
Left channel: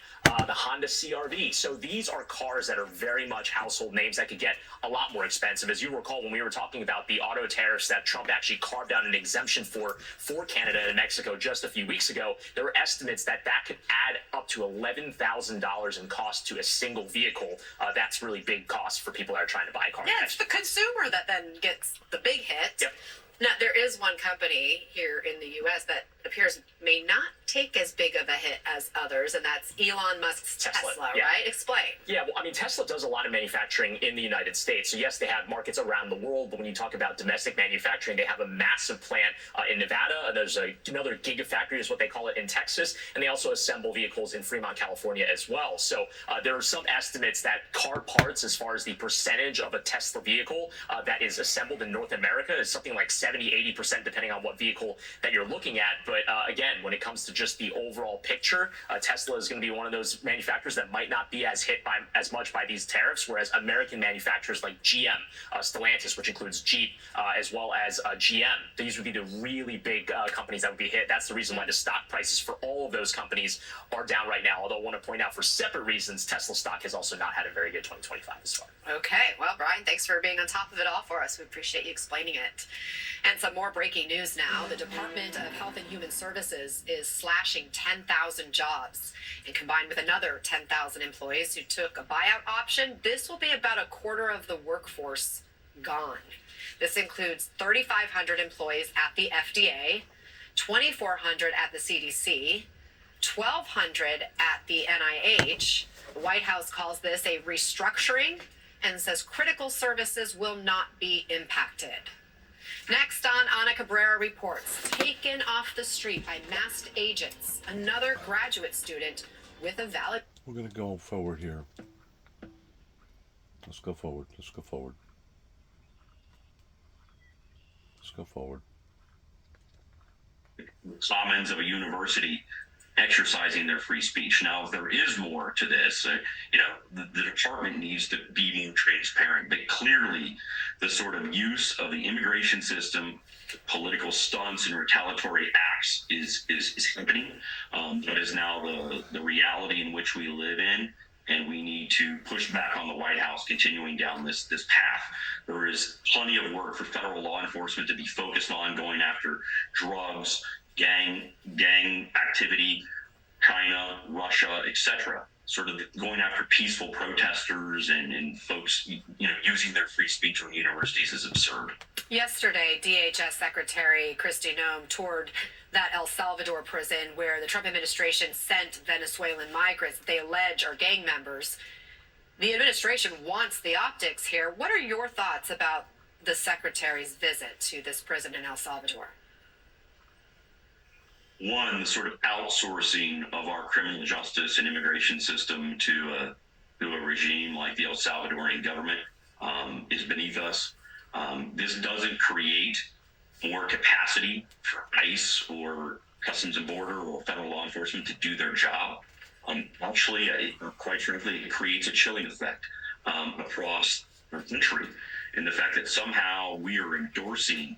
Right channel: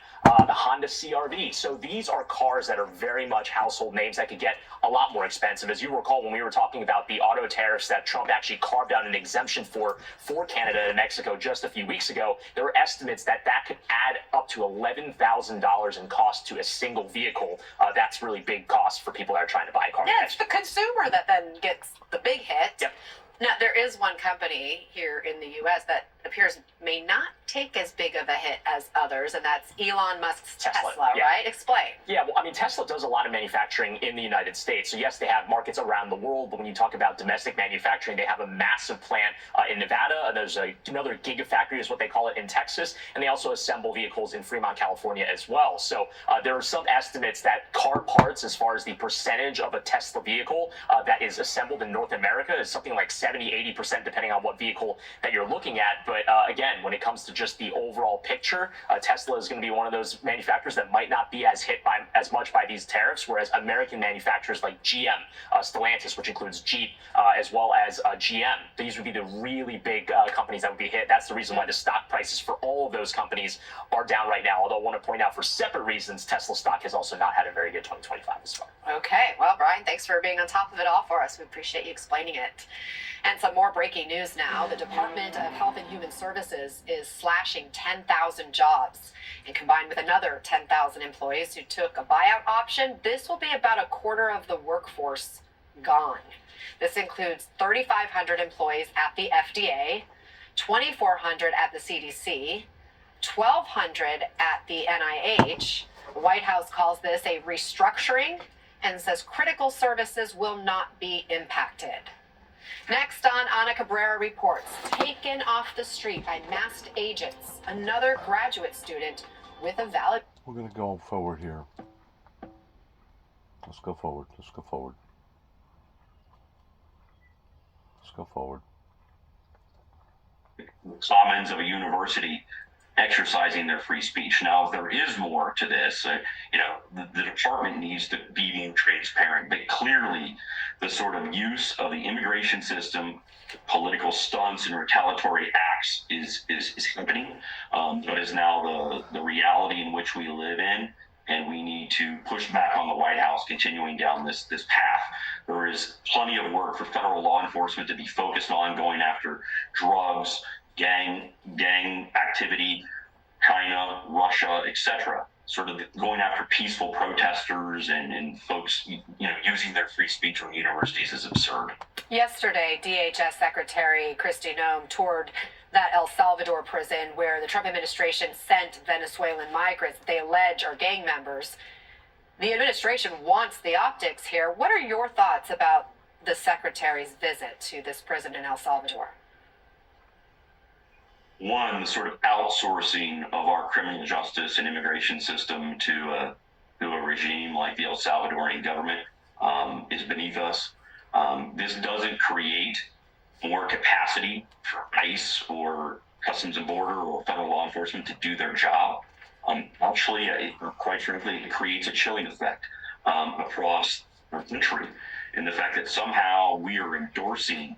the Honda CR-V. So these are cars that are very much household names that could get a lot more expensive. As you recall, when we were talking about the auto tariffs that Trump actually carved out an exemption for Canada and Mexico just a few weeks ago, there were estimates that could add up to $11,000 in cost to a single vehicle. That's really big cost for people that are trying to buy a car. Yeah, it's the consumer that then gets the big hit. Yep. Now, there is one company here in the U.S. that appears may not take as big of a hit as others, and that's Elon Musk's Tesla, yeah. right? Explain. Yeah, well, I mean, Tesla does a lot of manufacturing in the United States. So, yes, they have markets around the world, but when you talk about domestic manufacturing, they have a massive plant in Nevada. There's another gigafactory is what they call it in Texas, and they also assemble vehicles in Fremont, California as well. So there are some estimates that car parts, as far as the percentage of a Tesla vehicle that is assembled in North America, is something like 70-80%, depending on what vehicle that you're looking at. But again, when it comes to just the overall picture, Tesla is going to be one of those manufacturers that might not be as hit as much by these tariffs, whereas American manufacturers like GM, Stellantis, which includes Jeep, as well as GM, these would be the really big companies that would be hit. That's the reason why the stock prices for all of those companies are down right now. Although I want to point out, for separate reasons, Tesla stock has also not had a very good 2025 as far. Okay, well, Brian, thanks for being on top of it all for us. We appreciate you explaining it. And some more breaking news now. The Department of Health and Human Services is slashing 10,000 jobs. And combined with another 10,000 employees who took a buyout option, this will be about a quarter of the workforce gone. This includes 3,500 employees at the FDA, 2,400 at the CDC, 1,200 at the NIH. The White House calls this a restructuring and says critical services will not be impacted. Next on Ana Cabrera Reports, taken off the street by masked agents. Another graduate student with a valid... We're going to go forward here. Let's go forward. Let's go forward. go forward. Commons of a university exercising their free speech. Now, if there is more to this, the department needs to be more transparent, but clearly the sort of use of the immigration system, political stunts and retaliatory acts is happening. That is now the reality in which we live in, and we need to push back on the White House continuing down this path. There is plenty of work for federal law enforcement to be focused on going after drugs, gang activity, China, Russia, etc. Sort of going after peaceful protesters and folks, using their free speech from universities is absurd. Yesterday, DHS Secretary Kristi Noem toured that El Salvador prison where the Trump administration sent Venezuelan migrants that they allege are gang members. The administration wants the optics here. What are your thoughts about the secretary's visit to this prison in El Salvador? One, the sort of outsourcing of our criminal justice and immigration system to a regime like the El Salvadorian government is beneath us. This doesn't create more capacity for ICE or Customs and Border or federal law enforcement to do their job. Actually, quite frankly, it creates a chilling effect across our country in the fact that somehow we are endorsing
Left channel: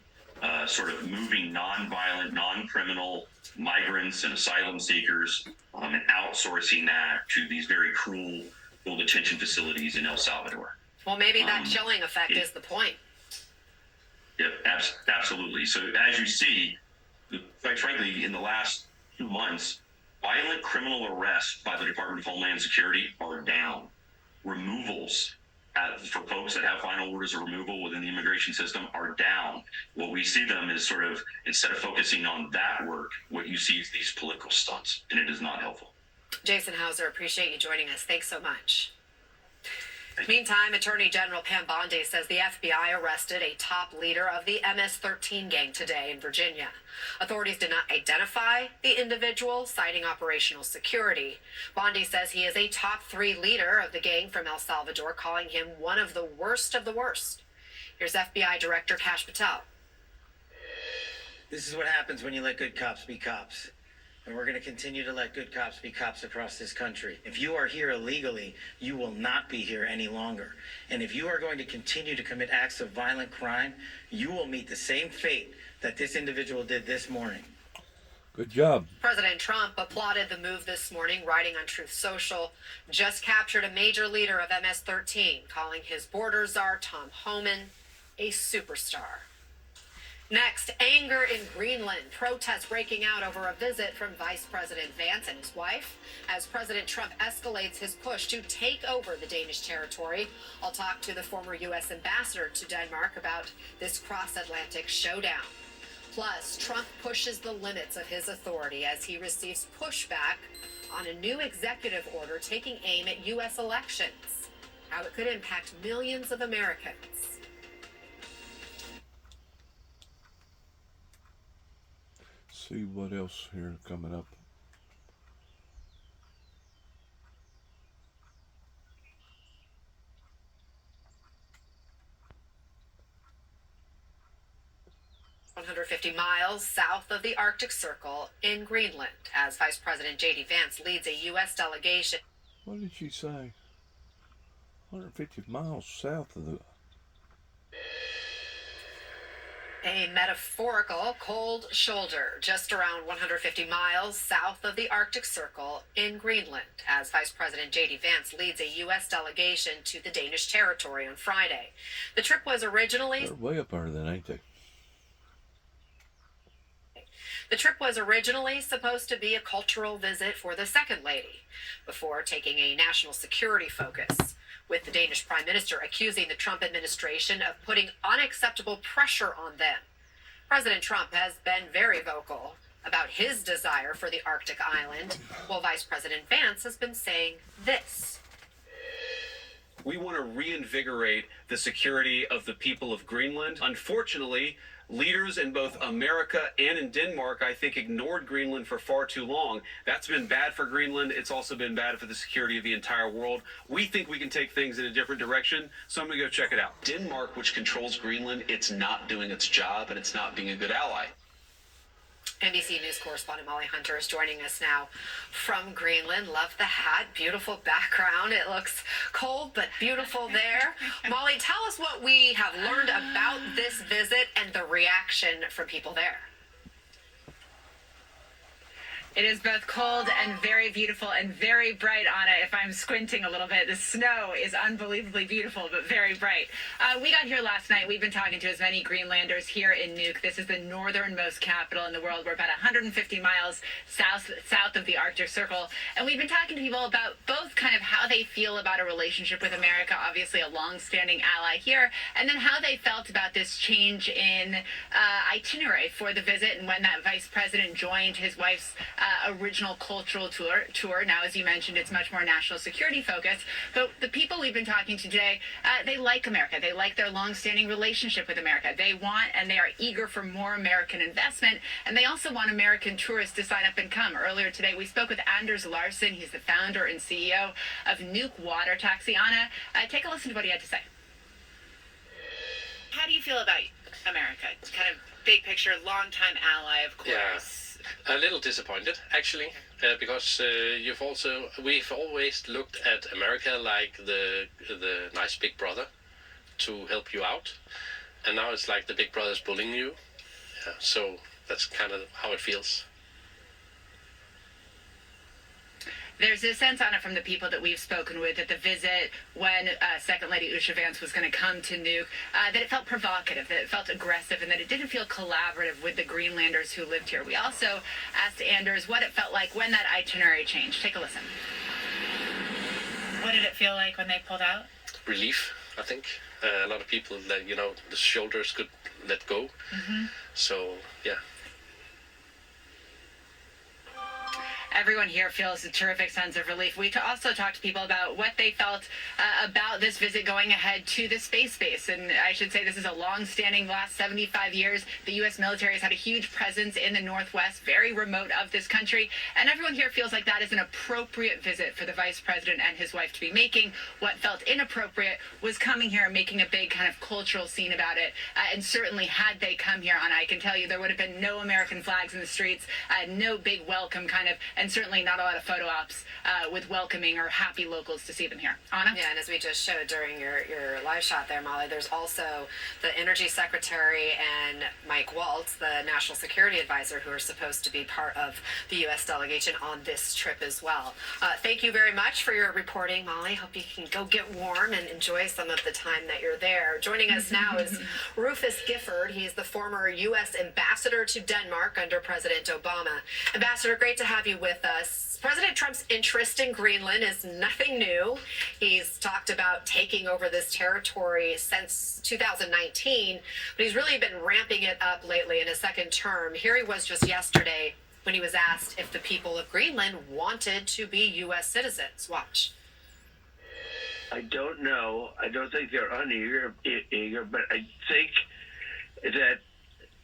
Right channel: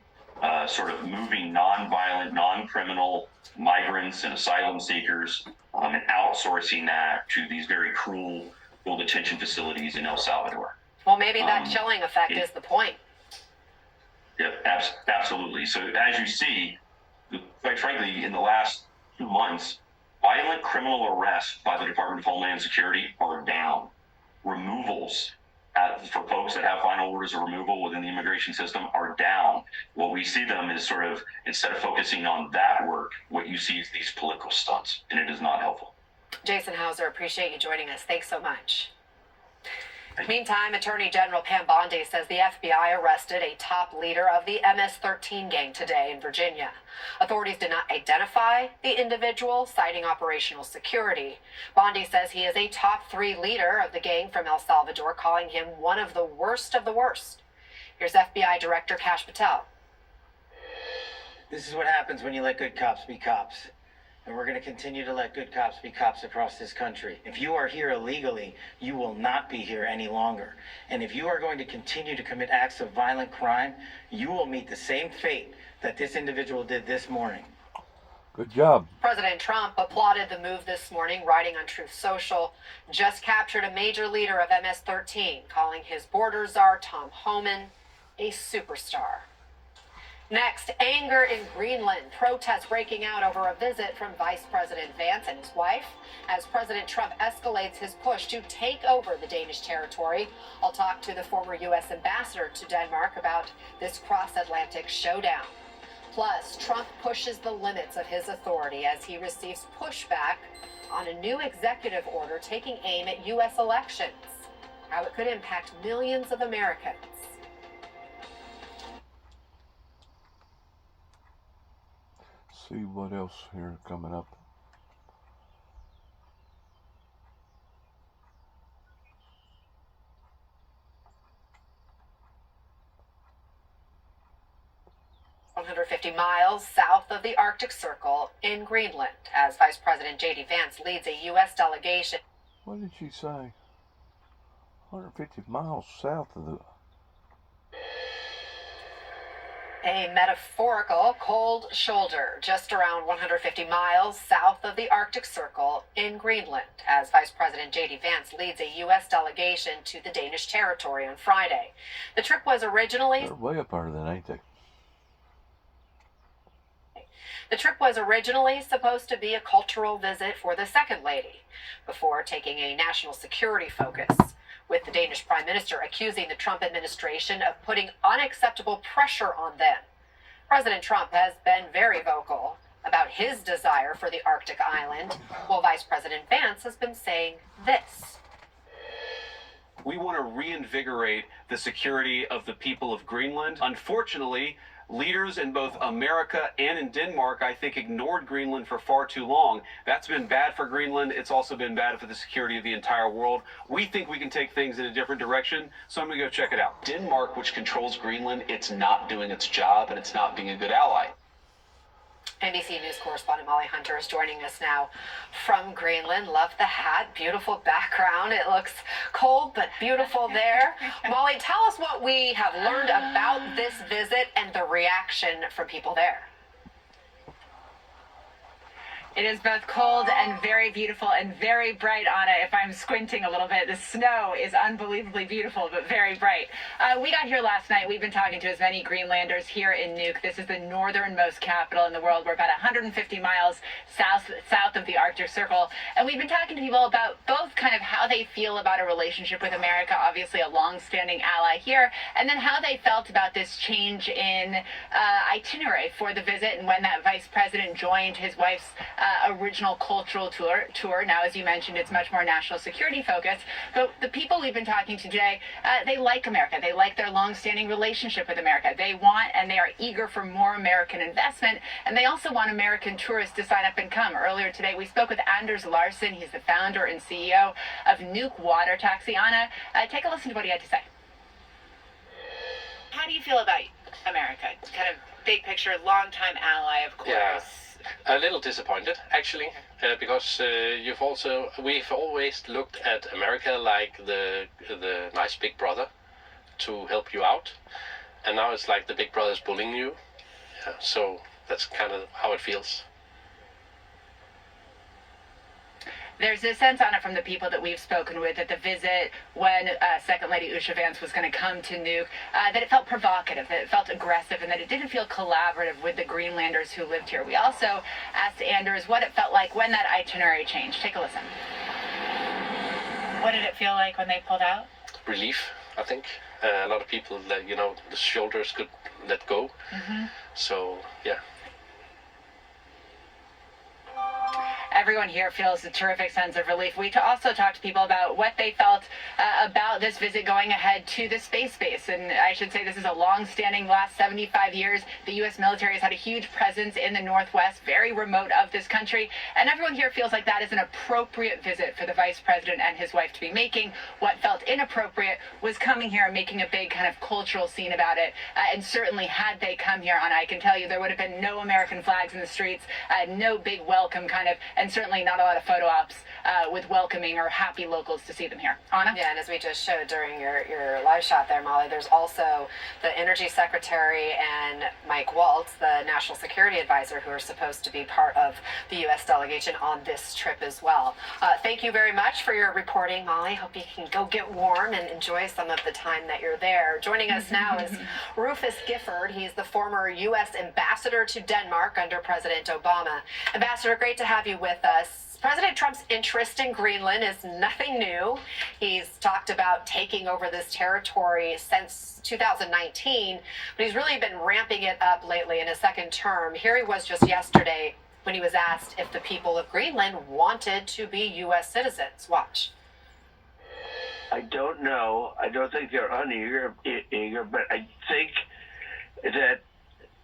sort of moving non-violent, non-criminal migrants and asylum seekers and outsourcing that to these very cruel detention facilities in El Salvador. Well, maybe that chilling effect is the point. Yeah, absolutely. So as you see, quite frankly, in the last 2 months, violent criminal arrests by the Department of Homeland Security are down. Removals for folks that have final orders of removal within the immigration system are down. What we see them is sort of, instead of focusing on that work, what you see is these political stunts, and it is not helpful. Jason Hauser, appreciate you joining us. Thanks so much. Meantime, Attorney General Pam Bondi says the FBI arrested a top leader of the MS-13 gang today in Virginia. Authorities did not identify the individual, citing operational security. Bondi says he is a top 3 leader of the gang from El Salvador, calling him one of the worst of the worst. Here's FBI Director Kash Patel. This is what happens when you let good cops be cops. And we're going to continue to let good cops be cops across this country. If you are here illegally, you will not be here any longer. And if you are going to continue to commit acts of violent crime, you will meet the same fate that this individual did this morning. Good job. President Trump applauded the move this morning, writing on Truth Social, just captured a major leader of MS-13, calling his border czar, Tom Homan, a superstar. Next, anger in Greenland. Protests breaking out over a visit from Vice President Vance and his wife as President Trump escalates his push to take over the Danish territory. I'll talk to the former U.S. ambassador to Denmark about this cross-Atlantic showdown. Plus, Trump pushes the limits of his authority as he receives pushback on a new executive order taking aim at U.S. elections. How it could impact millions of Americans. See what else here coming up. "150 miles south of the Arctic Circle in Greenland, as Vice President J.D. Vance leads a U.S. delegation." What did she say? 150 miles south of the... A metaphorical cold shoulder just around 150 miles south of the Arctic Circle in Greenland, as Vice President J.D. Vance leads a U.S. delegation to the Danish territory on Friday. The trip was originally... They're way up there then, ain't they? The trip was originally supposed to be a cultural visit for the Second Lady, before taking a national security focus, with the Danish Prime Minister accusing the Trump administration of putting unacceptable pressure on them. President Trump has been very vocal about his desire for the Arctic island, while Vice President Vance has been saying this. We want to reinvigorate the security of the people of Greenland. Unfortunately, Leaders in both America and in Denmark, I think, ignored Greenland for far too long. That's been bad for Greenland. It's also been bad for the security of the entire world. We think we can take things in a different direction, so I'm going to go check it out. Denmark, which controls Greenland, it's not doing its job and it's not being a good ally. NBC News correspondent Molly Hunter is joining us now from Greenland. Love the hat, beautiful background. It looks cold but beautiful there. Molly, tell us what we have learned about this visit and the reaction from people there. It is both cold and very beautiful and very bright, Anna. If I'm squinting a little bit, the snow is unbelievably beautiful, but very bright. We got here last night. We've been talking to as many Greenlanders here in Nuuk. This is the northernmost capital in the world. We're about 150 miles south of the Arctic Circle. And we've been talking to people about both kind of how they feel about a relationship with America, obviously a long-standing ally here, and then how they felt about this change in itinerary for the visit and when that vice president joined his wife's original cultural tour. Now, as you mentioned, it's much more national security focused. But the people we've been talking to today, they like America. They like their long-standing relationship with America. They want and they are eager for more American investment. And they also want American tourists to sign up and come. Earlier today, we spoke with Anders Larsen. He's the founder and CEO of Nuuk Water Taxi. Anna, take a listen to what he had to say. How do you feel about America? It's kind of big picture, longtime ally, of course. Yeah. A little disappointed, actually, because we've always looked at America like the nice big brother to help you out, and now it's like the big brother's bullying you. So that's kind of how it feels. There's a sense on it from the people that we've spoken with that the visit, when Second Lady Usha Vance was going to come to Nuuk, that it felt provocative, that it felt aggressive, and that it didn't feel collaborative with the Greenlanders who lived here. We also asked Anders what it felt like when that itinerary changed. Take a listen. What did it feel like when they pulled out? Relief, I think. A lot of people, the shoulders could let go. Mm-hmm. So, yeah. Everyone here feels a terrific sense of relief. We also talked to people about what they felt about this visit going ahead to the space base. And I should say this is a long-standing, last 75 years. The U.S. military has had a huge presence in the Northwest, very remote of this country. And everyone here feels like that is an appropriate visit for the vice president and his wife to be making. What felt inappropriate was coming here and making a big kind of cultural scene about it. And certainly had they come here, Anna, I can tell you there would have been no American flags in the streets, no big welcome kind of, and certainly not a lot of photo ops with welcoming or happy locals to see them here. Anna? Yeah, and as we just showed during your live shot there, Molly, there's also the Energy Secretary and Mike Waltz, the National Security Advisor, who are supposed to be part of the U.S. delegation on this trip as well. Thank you very much for your reporting, Molly. Hope you can go get warm and enjoy some of the time that you're there. Joining us now is Rufus Gifford. He's the former U.S. Ambassador to Denmark under President Obama. Ambassador, great to have you with us. President Trump's interest in Greenland is nothing new. He's talked about taking over this territory since 2019, but he's really been ramping it up lately in his second term. Here he was just yesterday when he was asked if the people of Greenland wanted to be U.S. citizens. Watch. I don't know. I don't think they're uneager, but I think that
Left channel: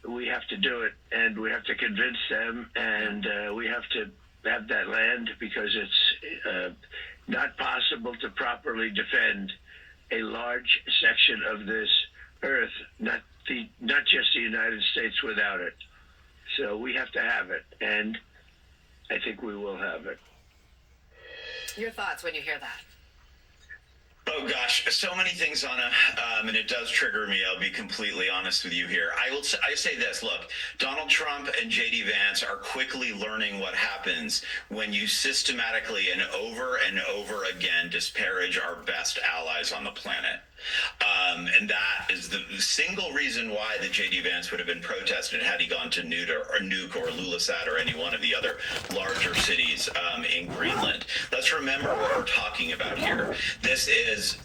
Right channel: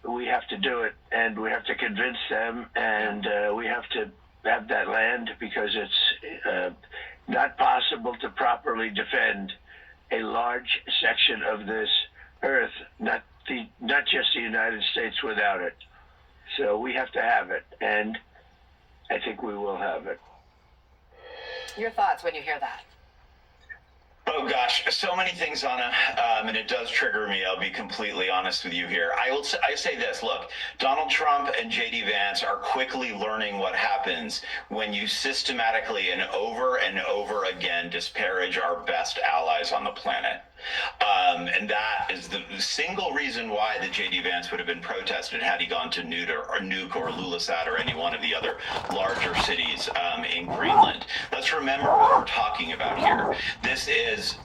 we have to do it, and we have to convince them, and we have to have that land, because it's not possible to properly defend a large section of this earth, not just the United States, without it. So we have to have it, and I think we will have it. Your thoughts when you hear that? Oh gosh, so many things, Anna, and it does trigger me. I'll be completely honest with you here. I say this, look, Donald Trump and J.D. Vance are quickly learning what happens when you systematically and over again disparage our best allies on the planet. And that is the single reason why the J.D. Vance would have been protested had he gone to Nuuk or Ilulissat or any one of the other larger cities in Greenland. Let's remember what we're talking about here. This is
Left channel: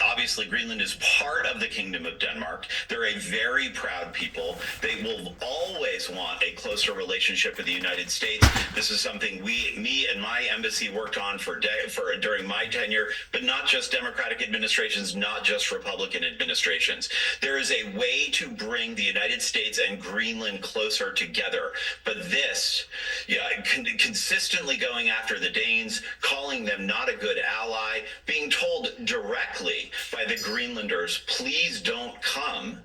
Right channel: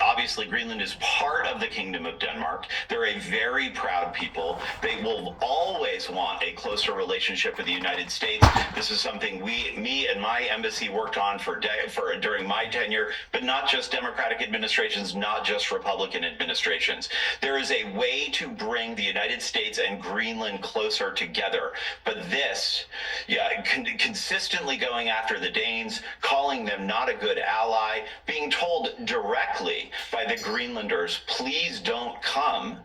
obviously, Greenland is part of the Kingdom of Denmark. They're a very proud people. They will always want a closer relationship with the United States. This is something me and my embassy worked on for during my tenure, but not just Democratic administrations, not just Republican administrations. There is a way to bring the United States and Greenland closer together, but this, consistently going after the Danes, calling them not a good ally, being told directly by the Greenlanders, please don't come,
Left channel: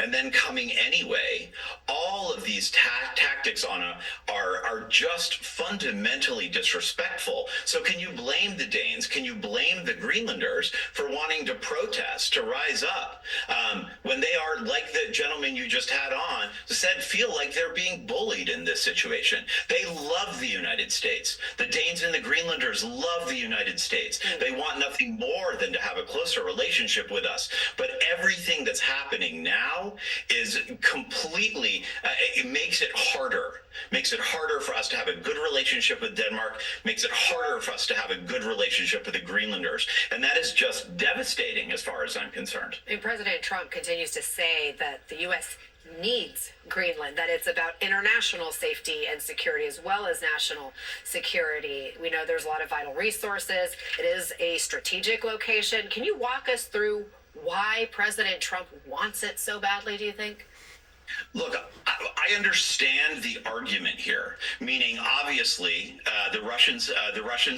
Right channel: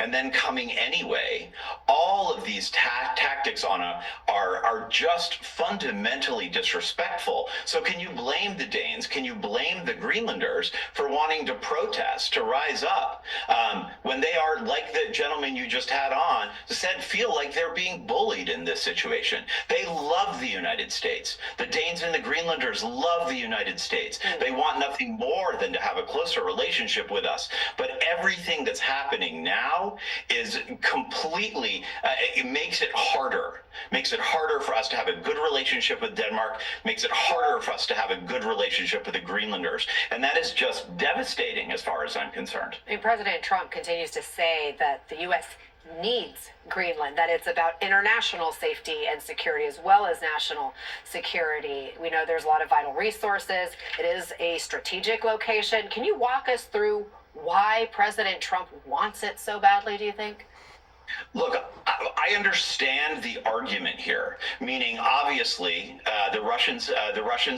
and then coming anyway. All of these tactics are just fundamentally disrespectful. So can you blame the Danes? Can you blame the Greenlanders for wanting to protest, to rise up, when they are, like the gentleman you just had on said, feel like they're being bullied in this situation? They love the United States. The Danes and the Greenlanders love the United States. They want nothing more than to have a closer relationship with us. But everything that's happening now is completely, it makes it harder for us to have a good relationship with Denmark, makes it harder for us to have a good relationship with the Greenlanders. And that is just devastating as far as I'm concerned. And President Trump continues to say that the U.S. needs Greenland, that it's about international safety and security as well as national security. We know there's a lot of vital resources. It is a strategic location. Can you walk us through why President Trump wants it so badly, do you think? Look, I understand the argument here, meaning obviously the Russians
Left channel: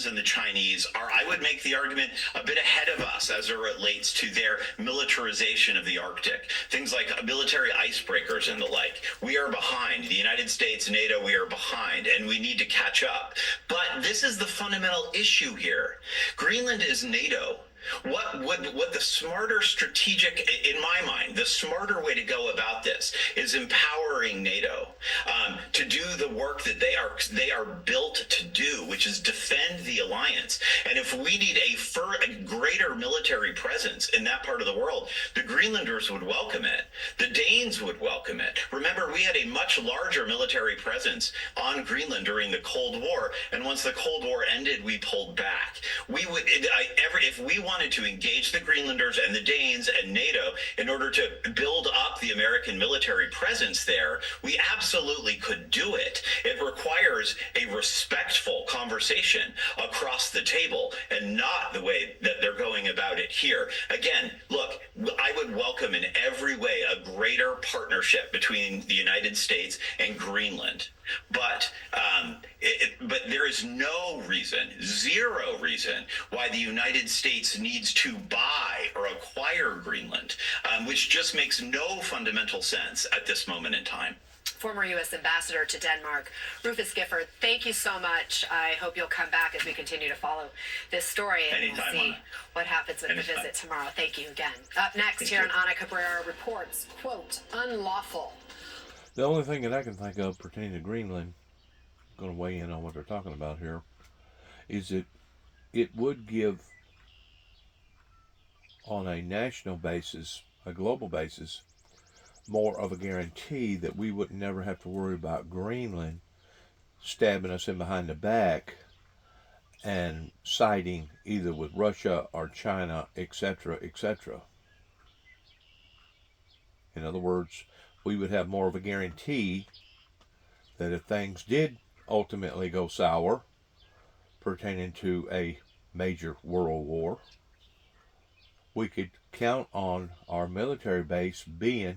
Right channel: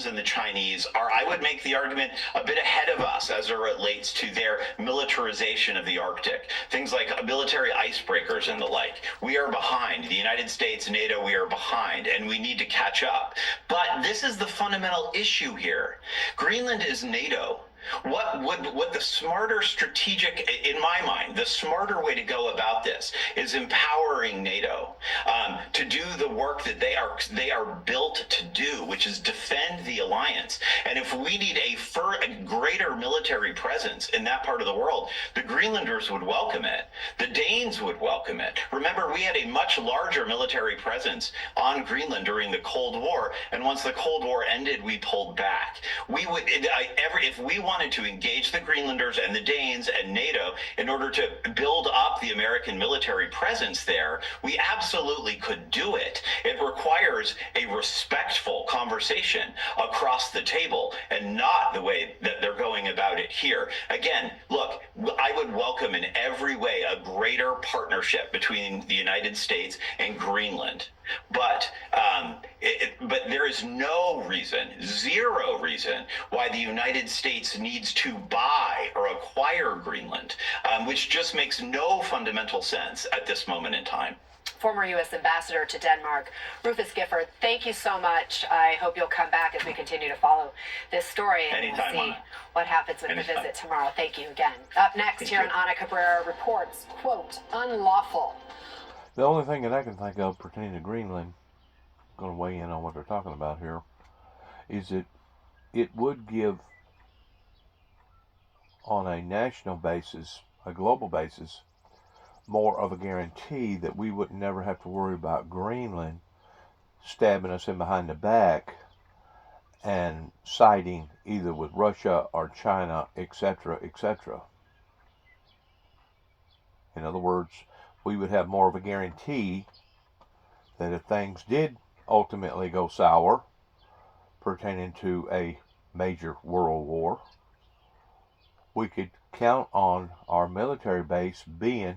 and the Chinese are, I would make the argument, a bit ahead of us as it relates to their militarization of the Arctic. Things like military icebreakers and the like. We are behind. The United States, NATO, we are behind, and we need to catch up. But this is the fundamental issue here. Greenland is NATO. What the smarter strategic, in my mind, the smarter way to go about this is empowering NATO to do the work that they are built to do, which is defend the alliance. And if we need a greater military presence in that part of the world, the Greenlanders would welcome it. The Danes would welcome it. Remember, we had a much larger military presence on Greenland during the Cold War, and once the Cold War ended, we pulled back. We would, if we wanted to engage the Greenlanders and the Danes and NATO in order to build up the American military presence there, we absolutely could do it. It requires a respectful conversation across the table and not the way that they're going about it here. Again, look, I would welcome in every way a greater partnership between the United States and Greenland. But there is no reason, zero reason, why the United States needs to buy or acquire Greenland, which just makes no fundamental sense at this moment in time. Former U.S. Ambassador to Denmark, Rufus Gifford, thank you so much. I hope you'll come back as we continue to follow this story and we'll see what happens with the visit tomorrow. Thank you again. Up next here on Ana Cabrera Reports, quote, unlawful. The only thing that I can think of pertaining to Greenland, I'm going to weigh in on what they're talking about here, is that it would give, on a national basis, a global basis, more of a guarantee that we would never have to worry about Greenland stabbing us in behind the back and siding either with Russia or China, etc., etc. In other words, we would have more of a guarantee that if things did ultimately go sour pertaining to a major world war, we could count on our military base being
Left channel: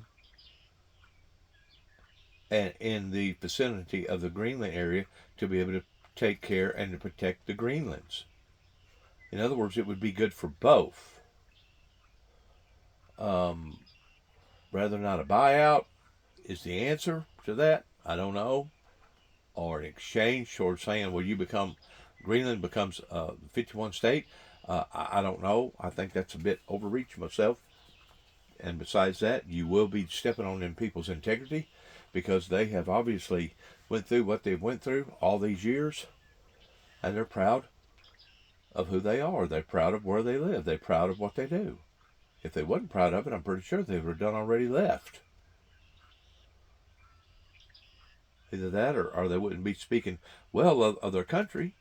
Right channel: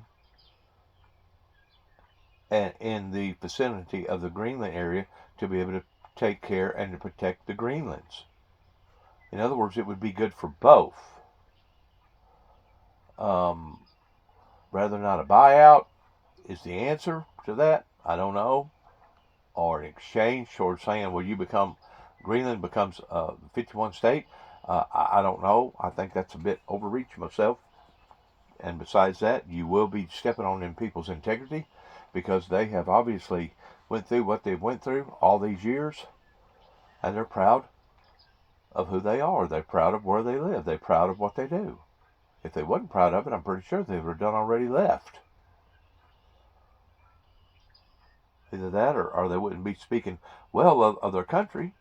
in the vicinity of the Greenland area to be able to take care and to protect the Greenlands. In other words, it would be good for both. Rather not a buyout is the answer to that. I don't know. Or an exchange towards saying, well, Greenland becomes 51 state. I don't know. I think that's a bit overreach myself. And besides that, you will be stepping on them people's integrity because they have obviously went through what they've went through all these years. And they're proud of who they are. They're proud of where they live. They're proud of what they do. If they wasn't proud of it, I'm pretty sure they would have done already left. Either that or they wouldn't be speaking well of their country.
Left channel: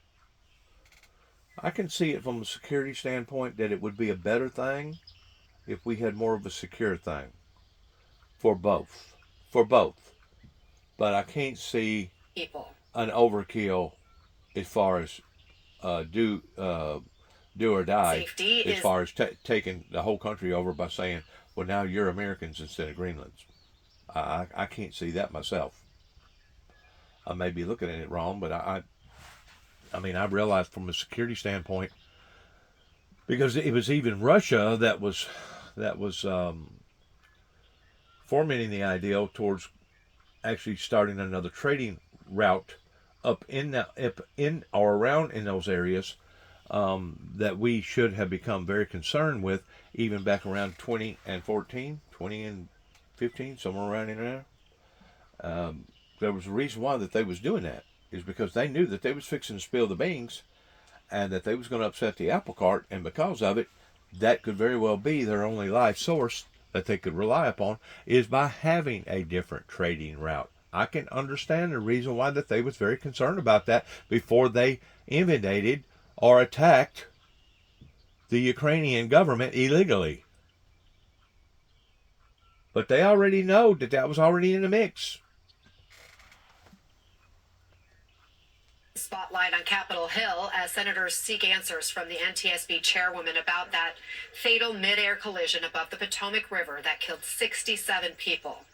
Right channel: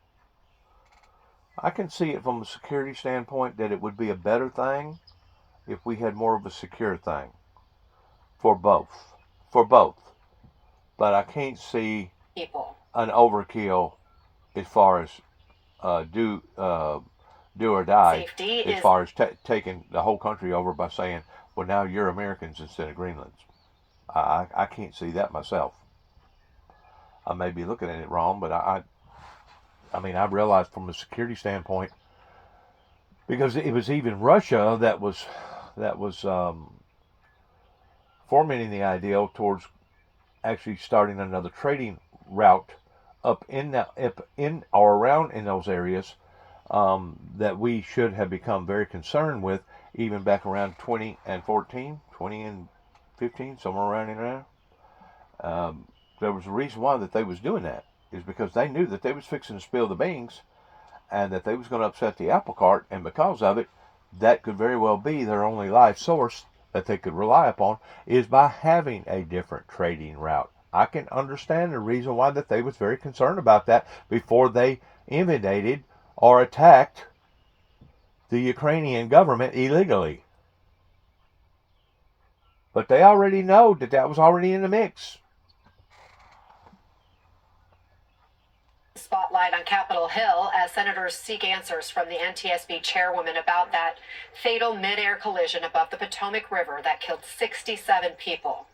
I can see it from a security standpoint that it would be a better thing if we had more of a secure thing for both. For both. but I can't see people. An overkill as far as do or die, Safety as is far as taking the whole country over by saying, well, now you're Americans instead of Greenlands. I can't see that myself. I may be looking at it wrong, but I mean, I realized from a security standpoint, because it was even Russia that was fomenting the idea towards actually starting another trading route up in or around in those areas, that we should have become very concerned with, even back around 2014, 20 and 15, somewhere around in there. There was a reason why that they was doing that, is because they knew that they was fixing to spill the beans, and that they was going to upset the apple cart, and because of it, that could very well be their only life source that they could rely upon, is by having a different trading route. I can understand the reason why that they was very concerned about that before they invaded or attacked the Ukrainian government illegally. But they already know that that was already in the mix. Spotlight on Capitol Hill as senators seek answers from the NTSB chairwoman about that fatal mid-air collision above the Potomac River that killed 67 people.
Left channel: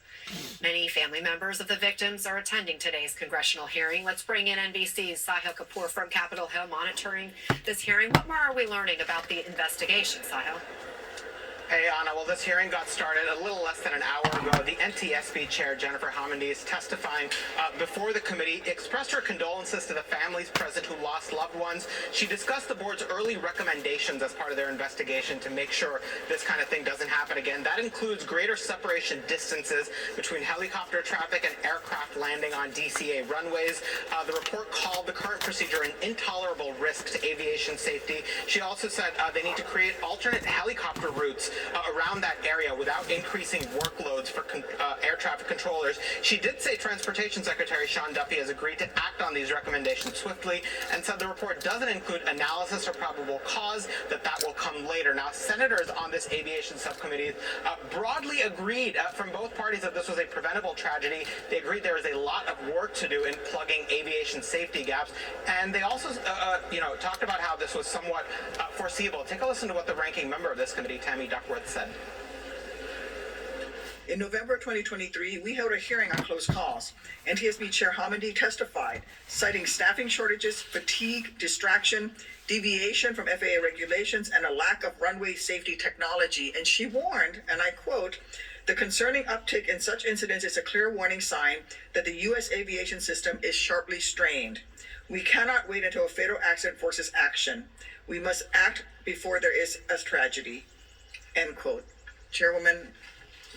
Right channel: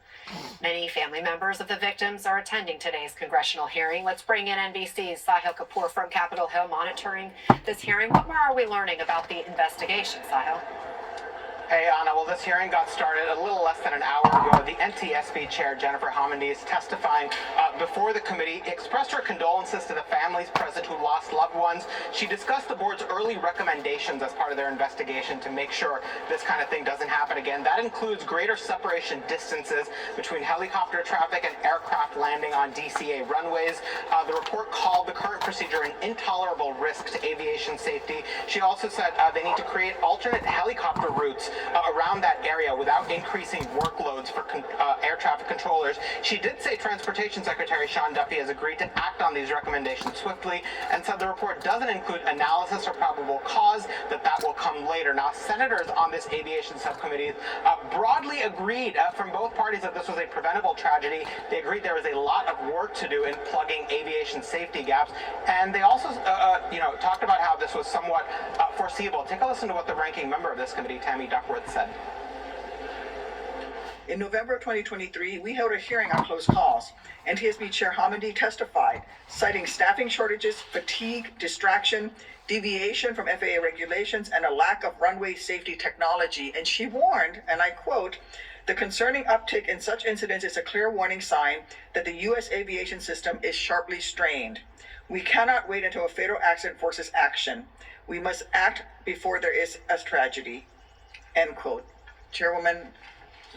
Many family members of the victims are attending today's congressional hearing. Let's bring in NBC's Sahil Kapoor from Capitol Hill monitoring this hearing. What more are we learning about the investigation, Sahil? Hey, Anna. Well, this hearing got started a little less than an hour ago. The NTSB chair, Jennifer Homendy, is testifying before the committee, expressed her condolences to the families present who lost loved ones. She discussed the board's early recommendations as part of their investigation to make sure this kind of thing doesn't happen again. That includes greater separation distances between helicopter traffic and aircraft landing on DCA runways. The report called the current procedure an intolerable risk to aviation safety. She also said they need to create alternate helicopter routes around that area without increasing workloads for air traffic controllers. She did say Transportation Secretary Sean Duffy has agreed to act on these recommendations swiftly, and said the report doesn't include analysis or probable cause, that will come later. Now, senators on this aviation subcommittee broadly agreed from both parties that this was a preventable tragedy. They agreed there was a lot of work to do in plugging aviation safety gaps, and they also talked about how this was somewhat foreseeable. Take a listen to what the ranking member of this committee, Tammy Duckworth, said. In November of 2023, we held a hearing on close calls. NTSB Chair Homendy testified, citing staffing shortages, fatigue, distraction, deviation from FAA regulations, and a lack of runway safety technology. And she warned, and I quote, "The concerning uptick in such incidents is a clear warning sign that the U.S. aviation system is sharply strained. We cannot wait until a fatal accident forces action. We must act before there is a tragedy." End quote. Chairwoman,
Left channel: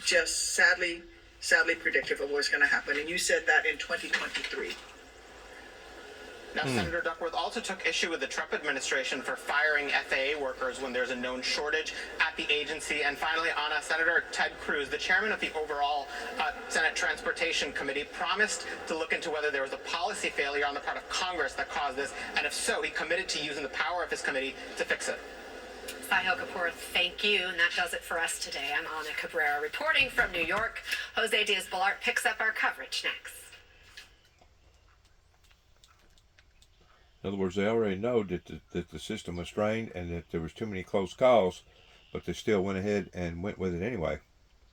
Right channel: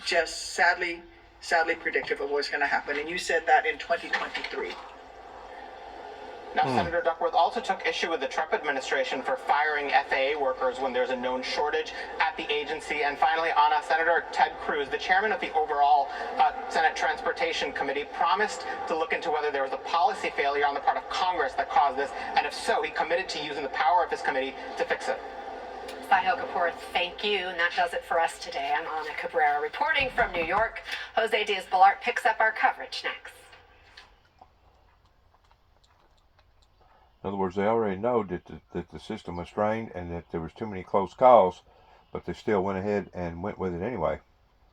just sadly predictive of what's going to happen. And you said that in 2023. Now, Senator Duckworth also took issue with the Trump administration for firing FAA workers when there's a known shortage at the agency. And finally, Anna, Senator Ted Cruz, the chairman of the overall Senate Transportation Committee, promised to look into whether there was a policy failure on the part of Congress that caused this. And if so, he committed to using the power of his committee to fix it. Sahil Kapoor, thank you. And that does it for us today. I'm Ana Cabrera reporting from New York. Jose Diaz-Balart picks up our coverage next. In other words, they already know that the system was strained and that there was too many close calls, but they still went ahead and went with it anyway.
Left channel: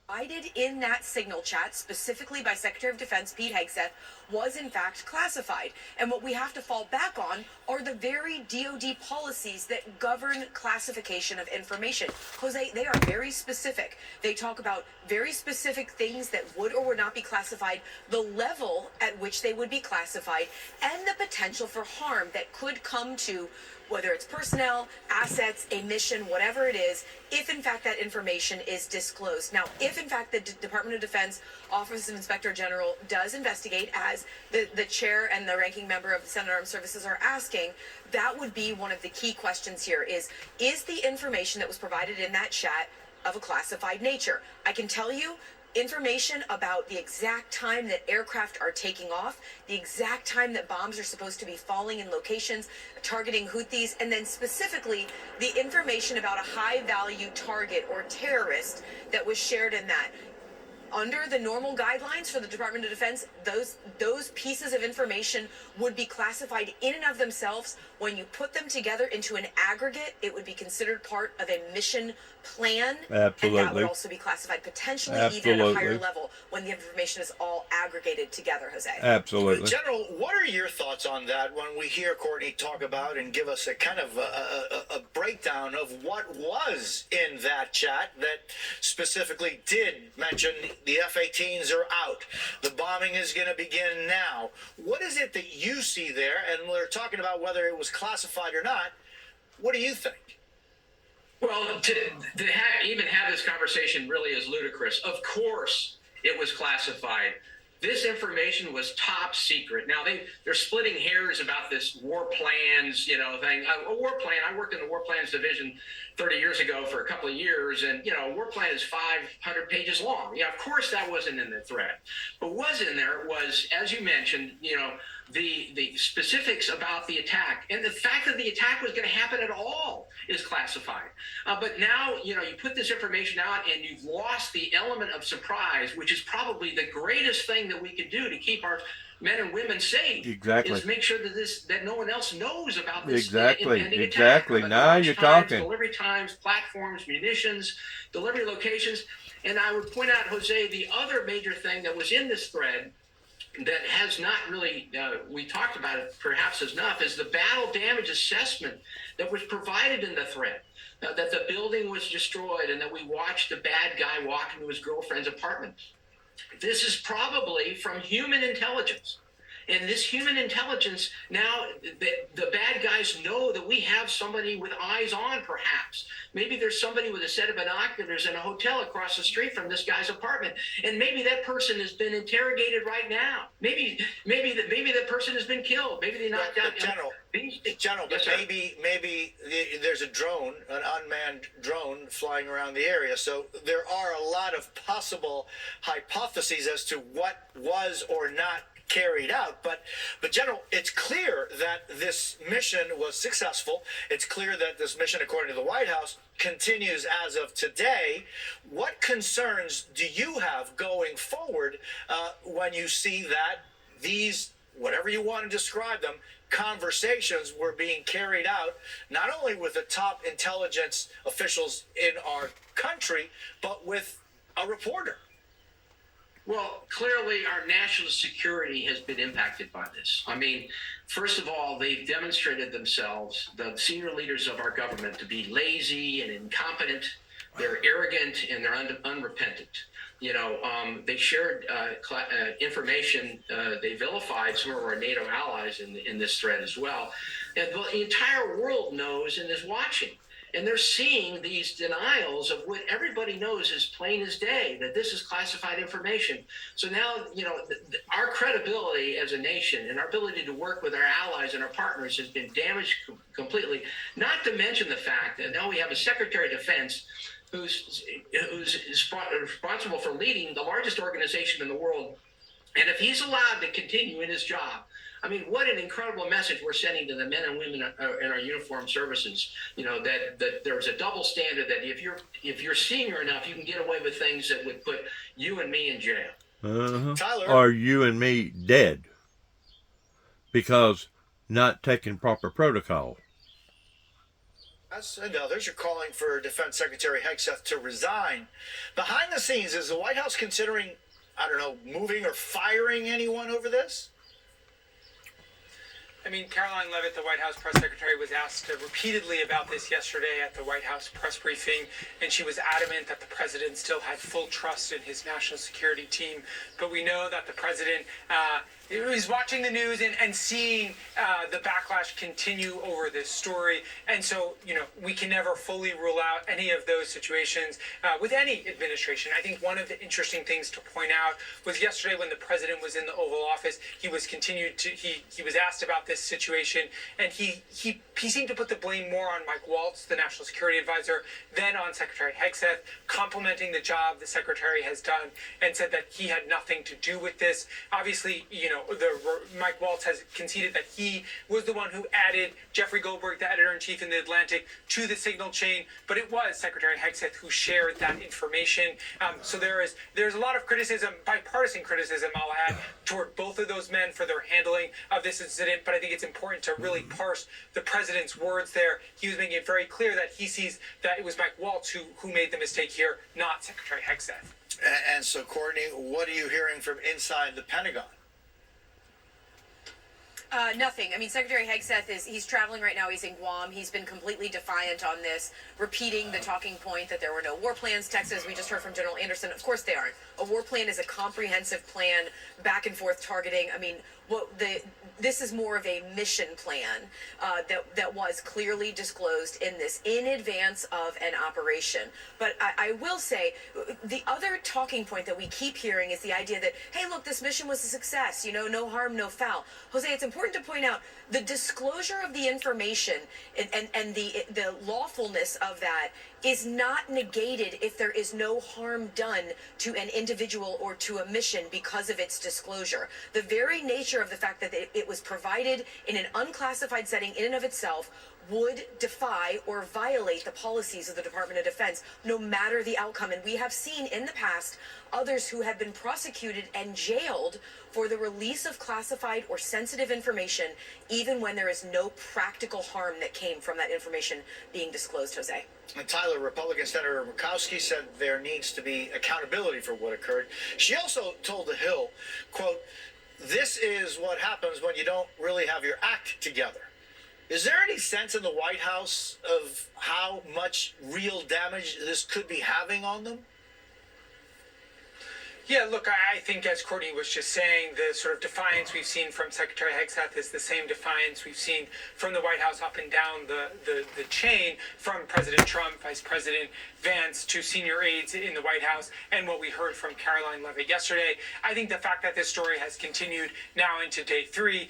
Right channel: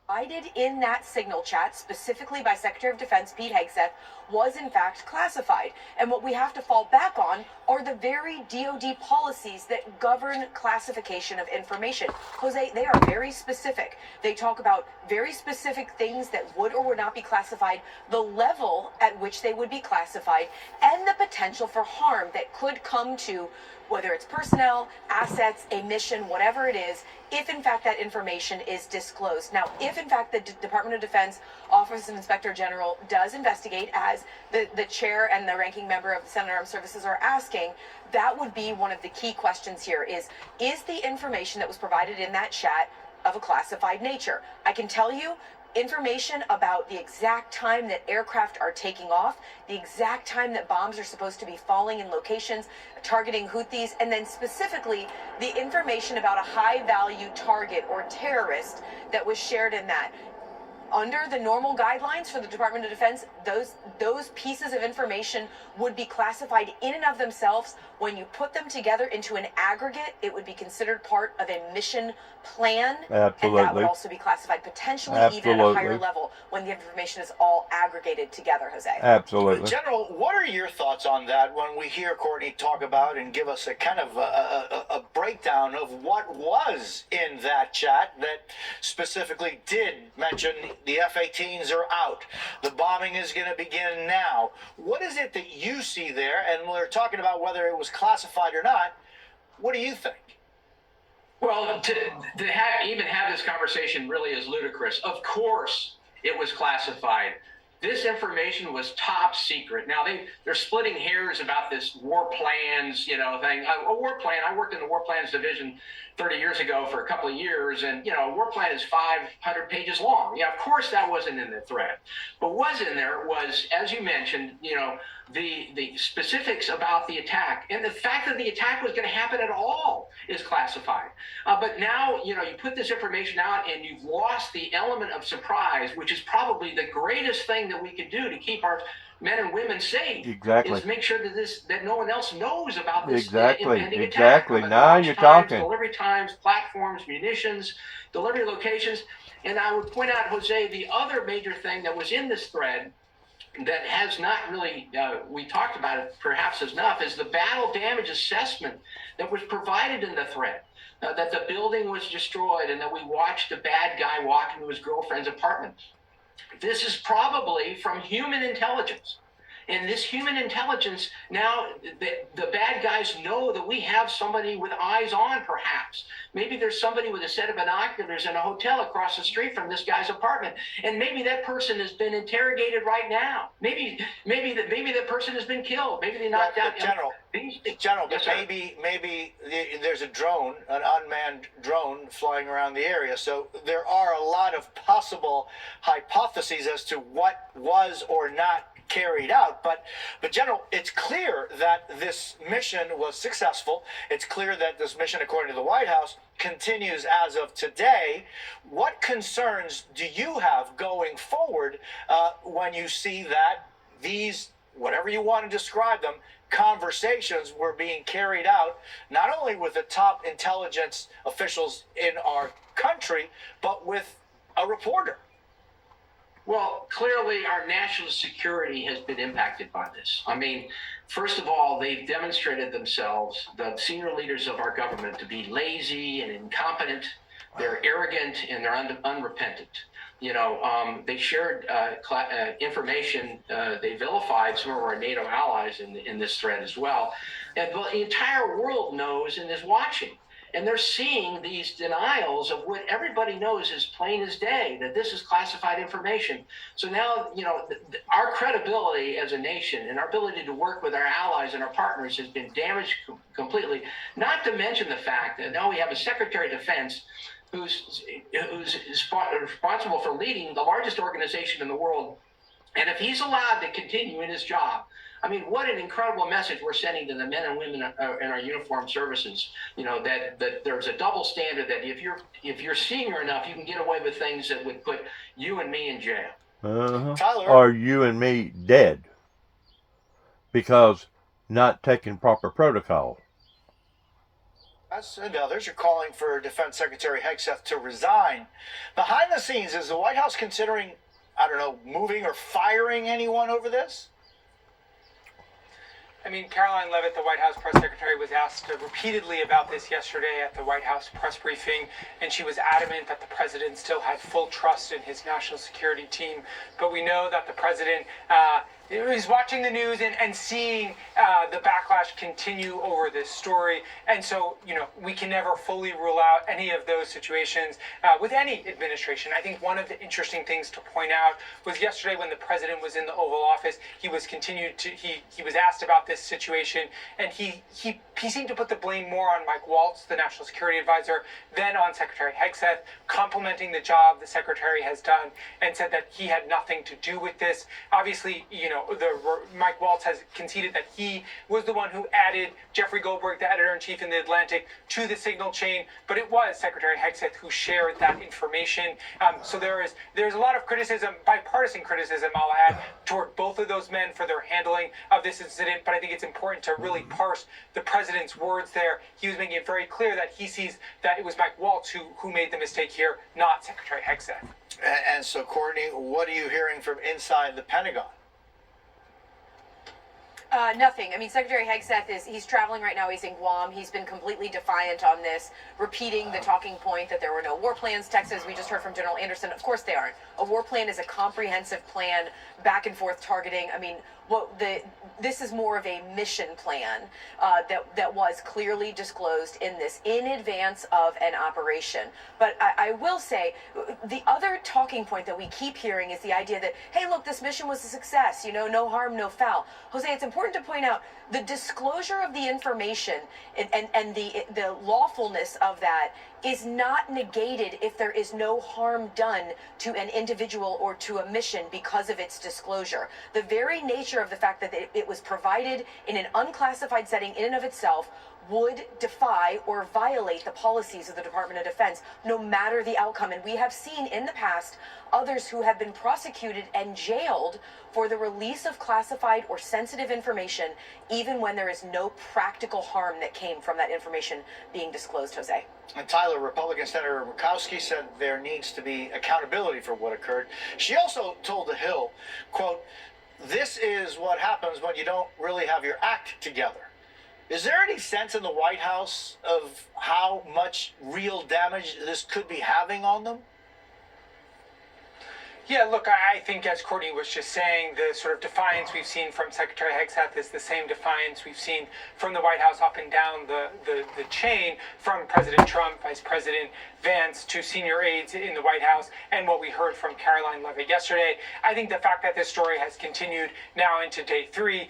Provided in that signal chat, specifically by Secretary of Defense Pete Hegseth, was in fact classified. And what we have to fall back on are the very DoD policies that govern classification of information. Jose, they are very specific. They talk about very specific things that would or would not be classified, the level at which they would be classified, and the potential for harm that could come to whether it's personnel, assets, a mission, whatever it is, if in fact that information is disclosed. Now, if in fact the Department of Defense Office of Inspector General does investigate, as the chair and the ranking member of the Senate Armed Services are asking, that would be one of the key questions here is the information that was provided in that chat of a classified nature? I can tell you, information about the exact time that aircraft are taking off, the exact time that bombs are supposed to be falling in locations, targeting Houthis, and then specifically the information about a high-value target or terrorist that was shared in that. under the normal guidelines for the Department of Defense, those pieces of information would be classified in and of themselves. When you put them together into an aggregate, it would be considered part of a mission plan. Absolutely. And that would also be classified potentially even at a higher level when the information is all aggregated together, Jose. Absolutely. General, what are your thoughts on that when we hear Courtney talk about and give us a kind of a breakdown of what was in that chat that specifically did mention the F-18s are out, the bombing is going to begin now? What is it that you see there? And we're talking about whether it was classified or not. What do you think? Well, to even have this conversation really is ludicrous. Of course it was classified. This information was top secret. Now they're splitting hairs about this war plans, thing. A war plan. I worked in the war plans division 30 years ago for a couple of years, and a war plan is 500 pages long. Yeah, of course that wasn't in the thread. But what was in there was, as you mentioned, the specifics about the attack, and the fact that the attack was going to happen at all is classified. But now, you put this information out and you've lost the element of surprise, which is probably the greatest thing that we could do to keep our men and women safe. Exactly. Is make sure that no one else knows about this Exactly. impending attack. Exactly. Now you're talking. Delivery times, platforms, munitions, delivery locations. And I would point out, Jose, the other major thing that was in this thread that has not really, we talked about it perhaps enough, is the battle damage assessment that was provided in the thread. That the building was destroyed and that we watched the bad guy walk into his girlfriend's apartment. This is probably from human intelligence. And this human intelligence, now the bad guys know that we have somebody with eyes on, perhaps. Maybe there's somebody with a set of binoculars in a hotel across the street from this guy's apartment. And maybe that person has been interrogated right now. Maybe that person has been killed. Maybe they knocked out. General, but maybe there's a drone, an unmanned drone flying around the area. So there are a lot of possible hypotheses as to what was or not carried out. But General, it's clear that this mission was successful. It's clear that this mission, according to the White House, continues as of today. What concerns do you have going forward when you see that these, whatever you want to describe them, conversations were being carried out, not only with the top intelligence officials in our country, but with a reporter? Well, clearly our national security has been impacted by this. I mean, first of all, they've demonstrated themselves, the senior leaders of our government, to be lazy and incompetent. They're arrogant and they're unrepentant. They shared information. They vilified some of our NATO allies in this thread as well. And the entire world knows and is watching. And they're seeing these denials of what everybody knows is plain as day, that this is classified information. So now, our credibility as a nation and our ability to work with our allies and our partners has been damaged completely, not to mention the fact that now we have a Secretary of Defense who's responsible for leading the largest organization in the world. And if he's allowed to continue in his job, I mean, what an incredible message we're sending to the men and women in our uniformed services. That there's a double standard, that if you're senior enough, you can get away with things that would put you and me in jail. Tyler, are you and me dead because not taking proper protocol? And others are calling for Defense Secretary Hegseth to resign. Behind the scenes, is the White House considering, moving or firing anyone over this? I mean, Caroline Leavitt, the White House press secretary, was asked repeatedly about this yesterday at the White House press briefing, and she was adamant that the president still had full trust in his national security team. But we know that the president is watching the news and seeing the backlash continue over this story. And so, we can never fully rule out any of those situations with any administration. I think one of the interesting things to point out was yesterday when the president was in the Oval Office, he was asked about this situation, and he seemed to put the blame more on Mike Waltz, the national security advisor, than on Secretary Hegseth, complimenting the job the secretary has done, and said that he had nothing to do with this. Obviously, Mike Waltz has conceded that he was the one who added Jeffrey Goldberg, the editor-in-chief in The Atlantic, to the signal chain, but it was Secretary Hegseth who shared that information. So there's a lot of criticism, bipartisan criticism, I'll add, toward both of those men for their handling of this incident, but I think it's important to really parse the president's words there. He was making it very clear that he sees that it was Mike Waltz who made the mistake here, not Secretary Hegseth. And so, Courtney, what are you hearing from inside the Pentagon? Nothing. I mean, Secretary Hegseth he's traveling right now. He's in Guam. He's been completely defiant on this, repeating the talking point that there were no war plans. Texas, we just heard from General Anderson. Of course they aren't. A war plan is a comprehensive plan, back and forth targeting. I mean, this is more of a mission plan that was clearly disclosed in this in advance of an operation. But I will say the other talking point that we keep hearing is the idea that, hey, look, this mission was a success. No harm, no foul. Jose, it's important to point out the disclosure of the information and the lawfulness of that is not negated if there is no harm done to an individual or to a mission because of its disclosure. The very nature of the fact that it was provided in an unclassified setting in and of itself would defy or violate the policies of the Department of Defense, no matter the outcome. And we have seen in the past others who have been prosecuted and jailed for the release of classified or sensitive information, even when there is no practical harm that came from that information being disclosed, Jose. And Tyler, Republican Senator Murkowski said there needs to be accountability for what occurred. She also told The Hill, quote, "This is what happens when you don't really have your act together." Is there any sense in the White House of how much real damage this could be having on them? Yeah, look, I think as Courtney was just saying, the sort of defiance we've seen from Secretary Hegseth is the same defiance we've seen from the White House up and down the chain, from President Trump, Vice President Vance, to senior aides in the White House, and what we heard from Caroline Leavitt yesterday. I think the fact that this story has continued now into day 3,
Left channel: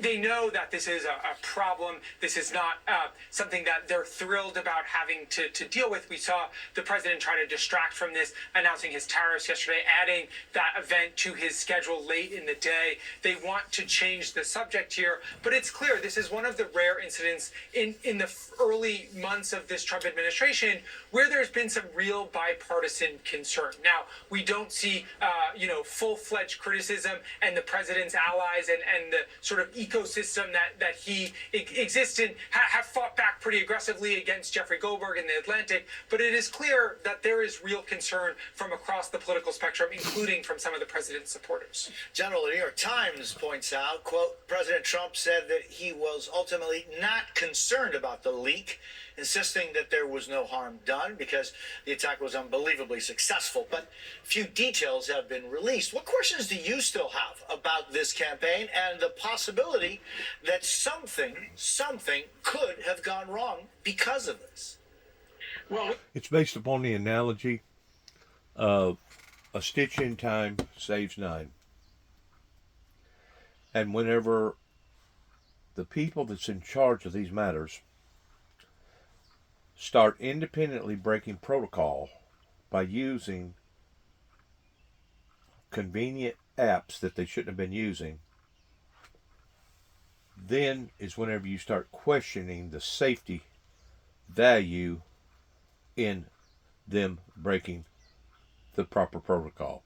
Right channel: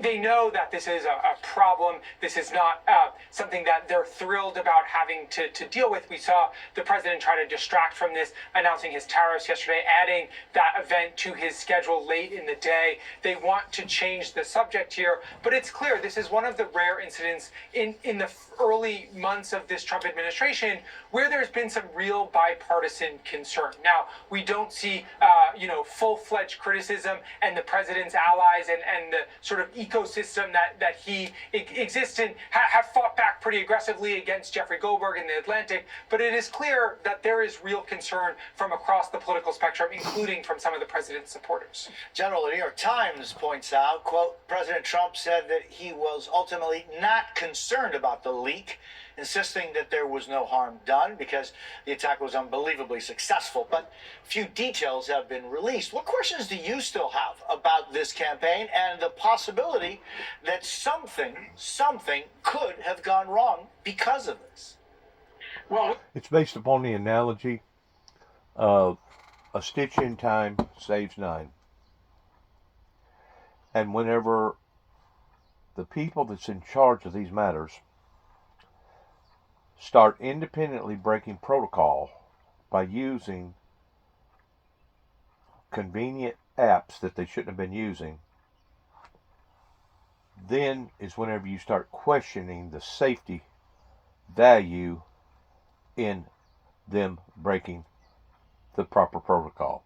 they know that this is a problem. This is not something that they're thrilled about having to deal with. We saw the president try to distract from this, announcing his tariffs yesterday, adding that event to his schedule late in the day. They want to change the subject here, but it's clear this is one of the rare incidents in the early months of this Trump administration where there's been some real bipartisan concern. Now, we don't see, full-fledged criticism, and the president's allies and the sort of ecosystem that he exists in have fought back pretty aggressively against Jeffrey Goldberg in The Atlantic, but it is clear that there is real concern from across the political spectrum, including from some of the president's supporters. General, the New York Times points out, quote, President Trump said that he was ultimately not concerned about the leak, insisting that there was no harm done because the attack was unbelievably successful. But few details have been released. What questions do you still have about this campaign and the possibility that something could have gone wrong because of this? Well, it's based upon the analogy of a stitch in time saves 9. And whenever the people that's in charge of these matters start independently breaking protocol by using convenient apps that they shouldn't have been using, then is whenever you start questioning the safety value in them breaking the proper protocol.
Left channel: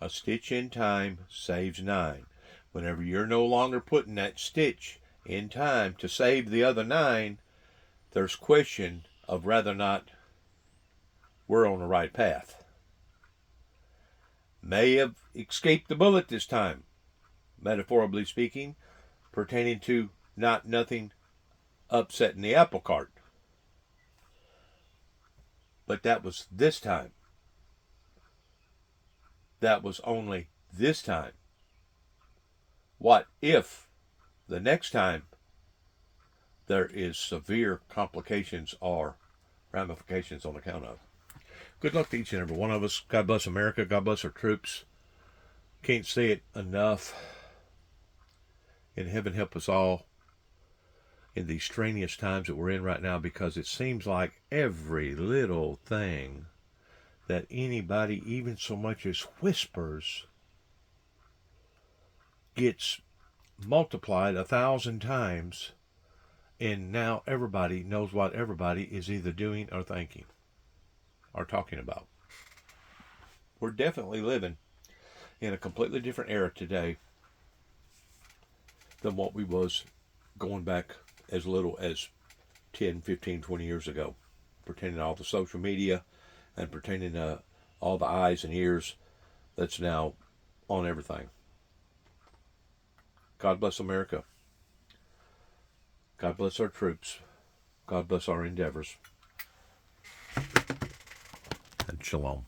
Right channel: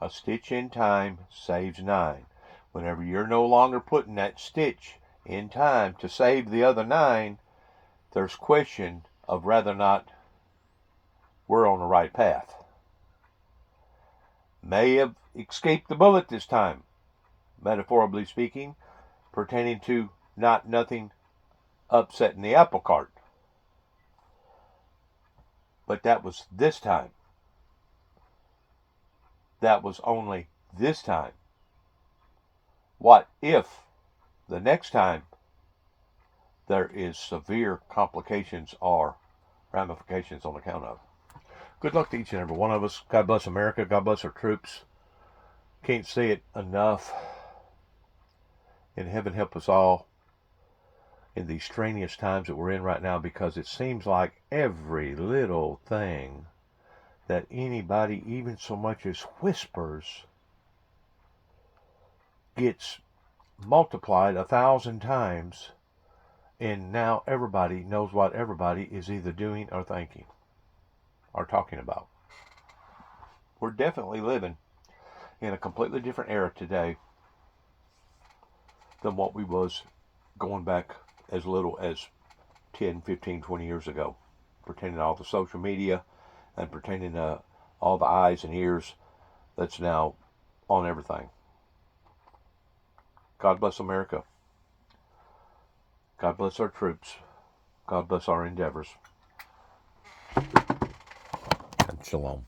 A stitch in time saves 9. Whenever you're no longer putting that stitch in time to save the other 9, there's question of whether or not we're on the right path. May have escaped the bullet this time, metaphorically speaking, pertaining to nothing upsetting the apple cart. But that was this time. That was only this time. What if the next time there is severe complications or ramifications on account of? Good luck to each and every one of us. God bless America. God bless our troops. Can't say it enough. And heaven help us all in these strenuous times that we're in right now, because it seems like every little thing that anybody even so much as whispers gets multiplied 1,000 times, and now everybody knows what everybody is either doing or thinking or talking about. We're definitely living in a completely different era today than what we was going back as little as 10, 15, 20 years ago. Pretending all the social media and pretending all the eyes and ears that's now on everything. God bless America. God bless our troops. God bless our endeavors. And shalom.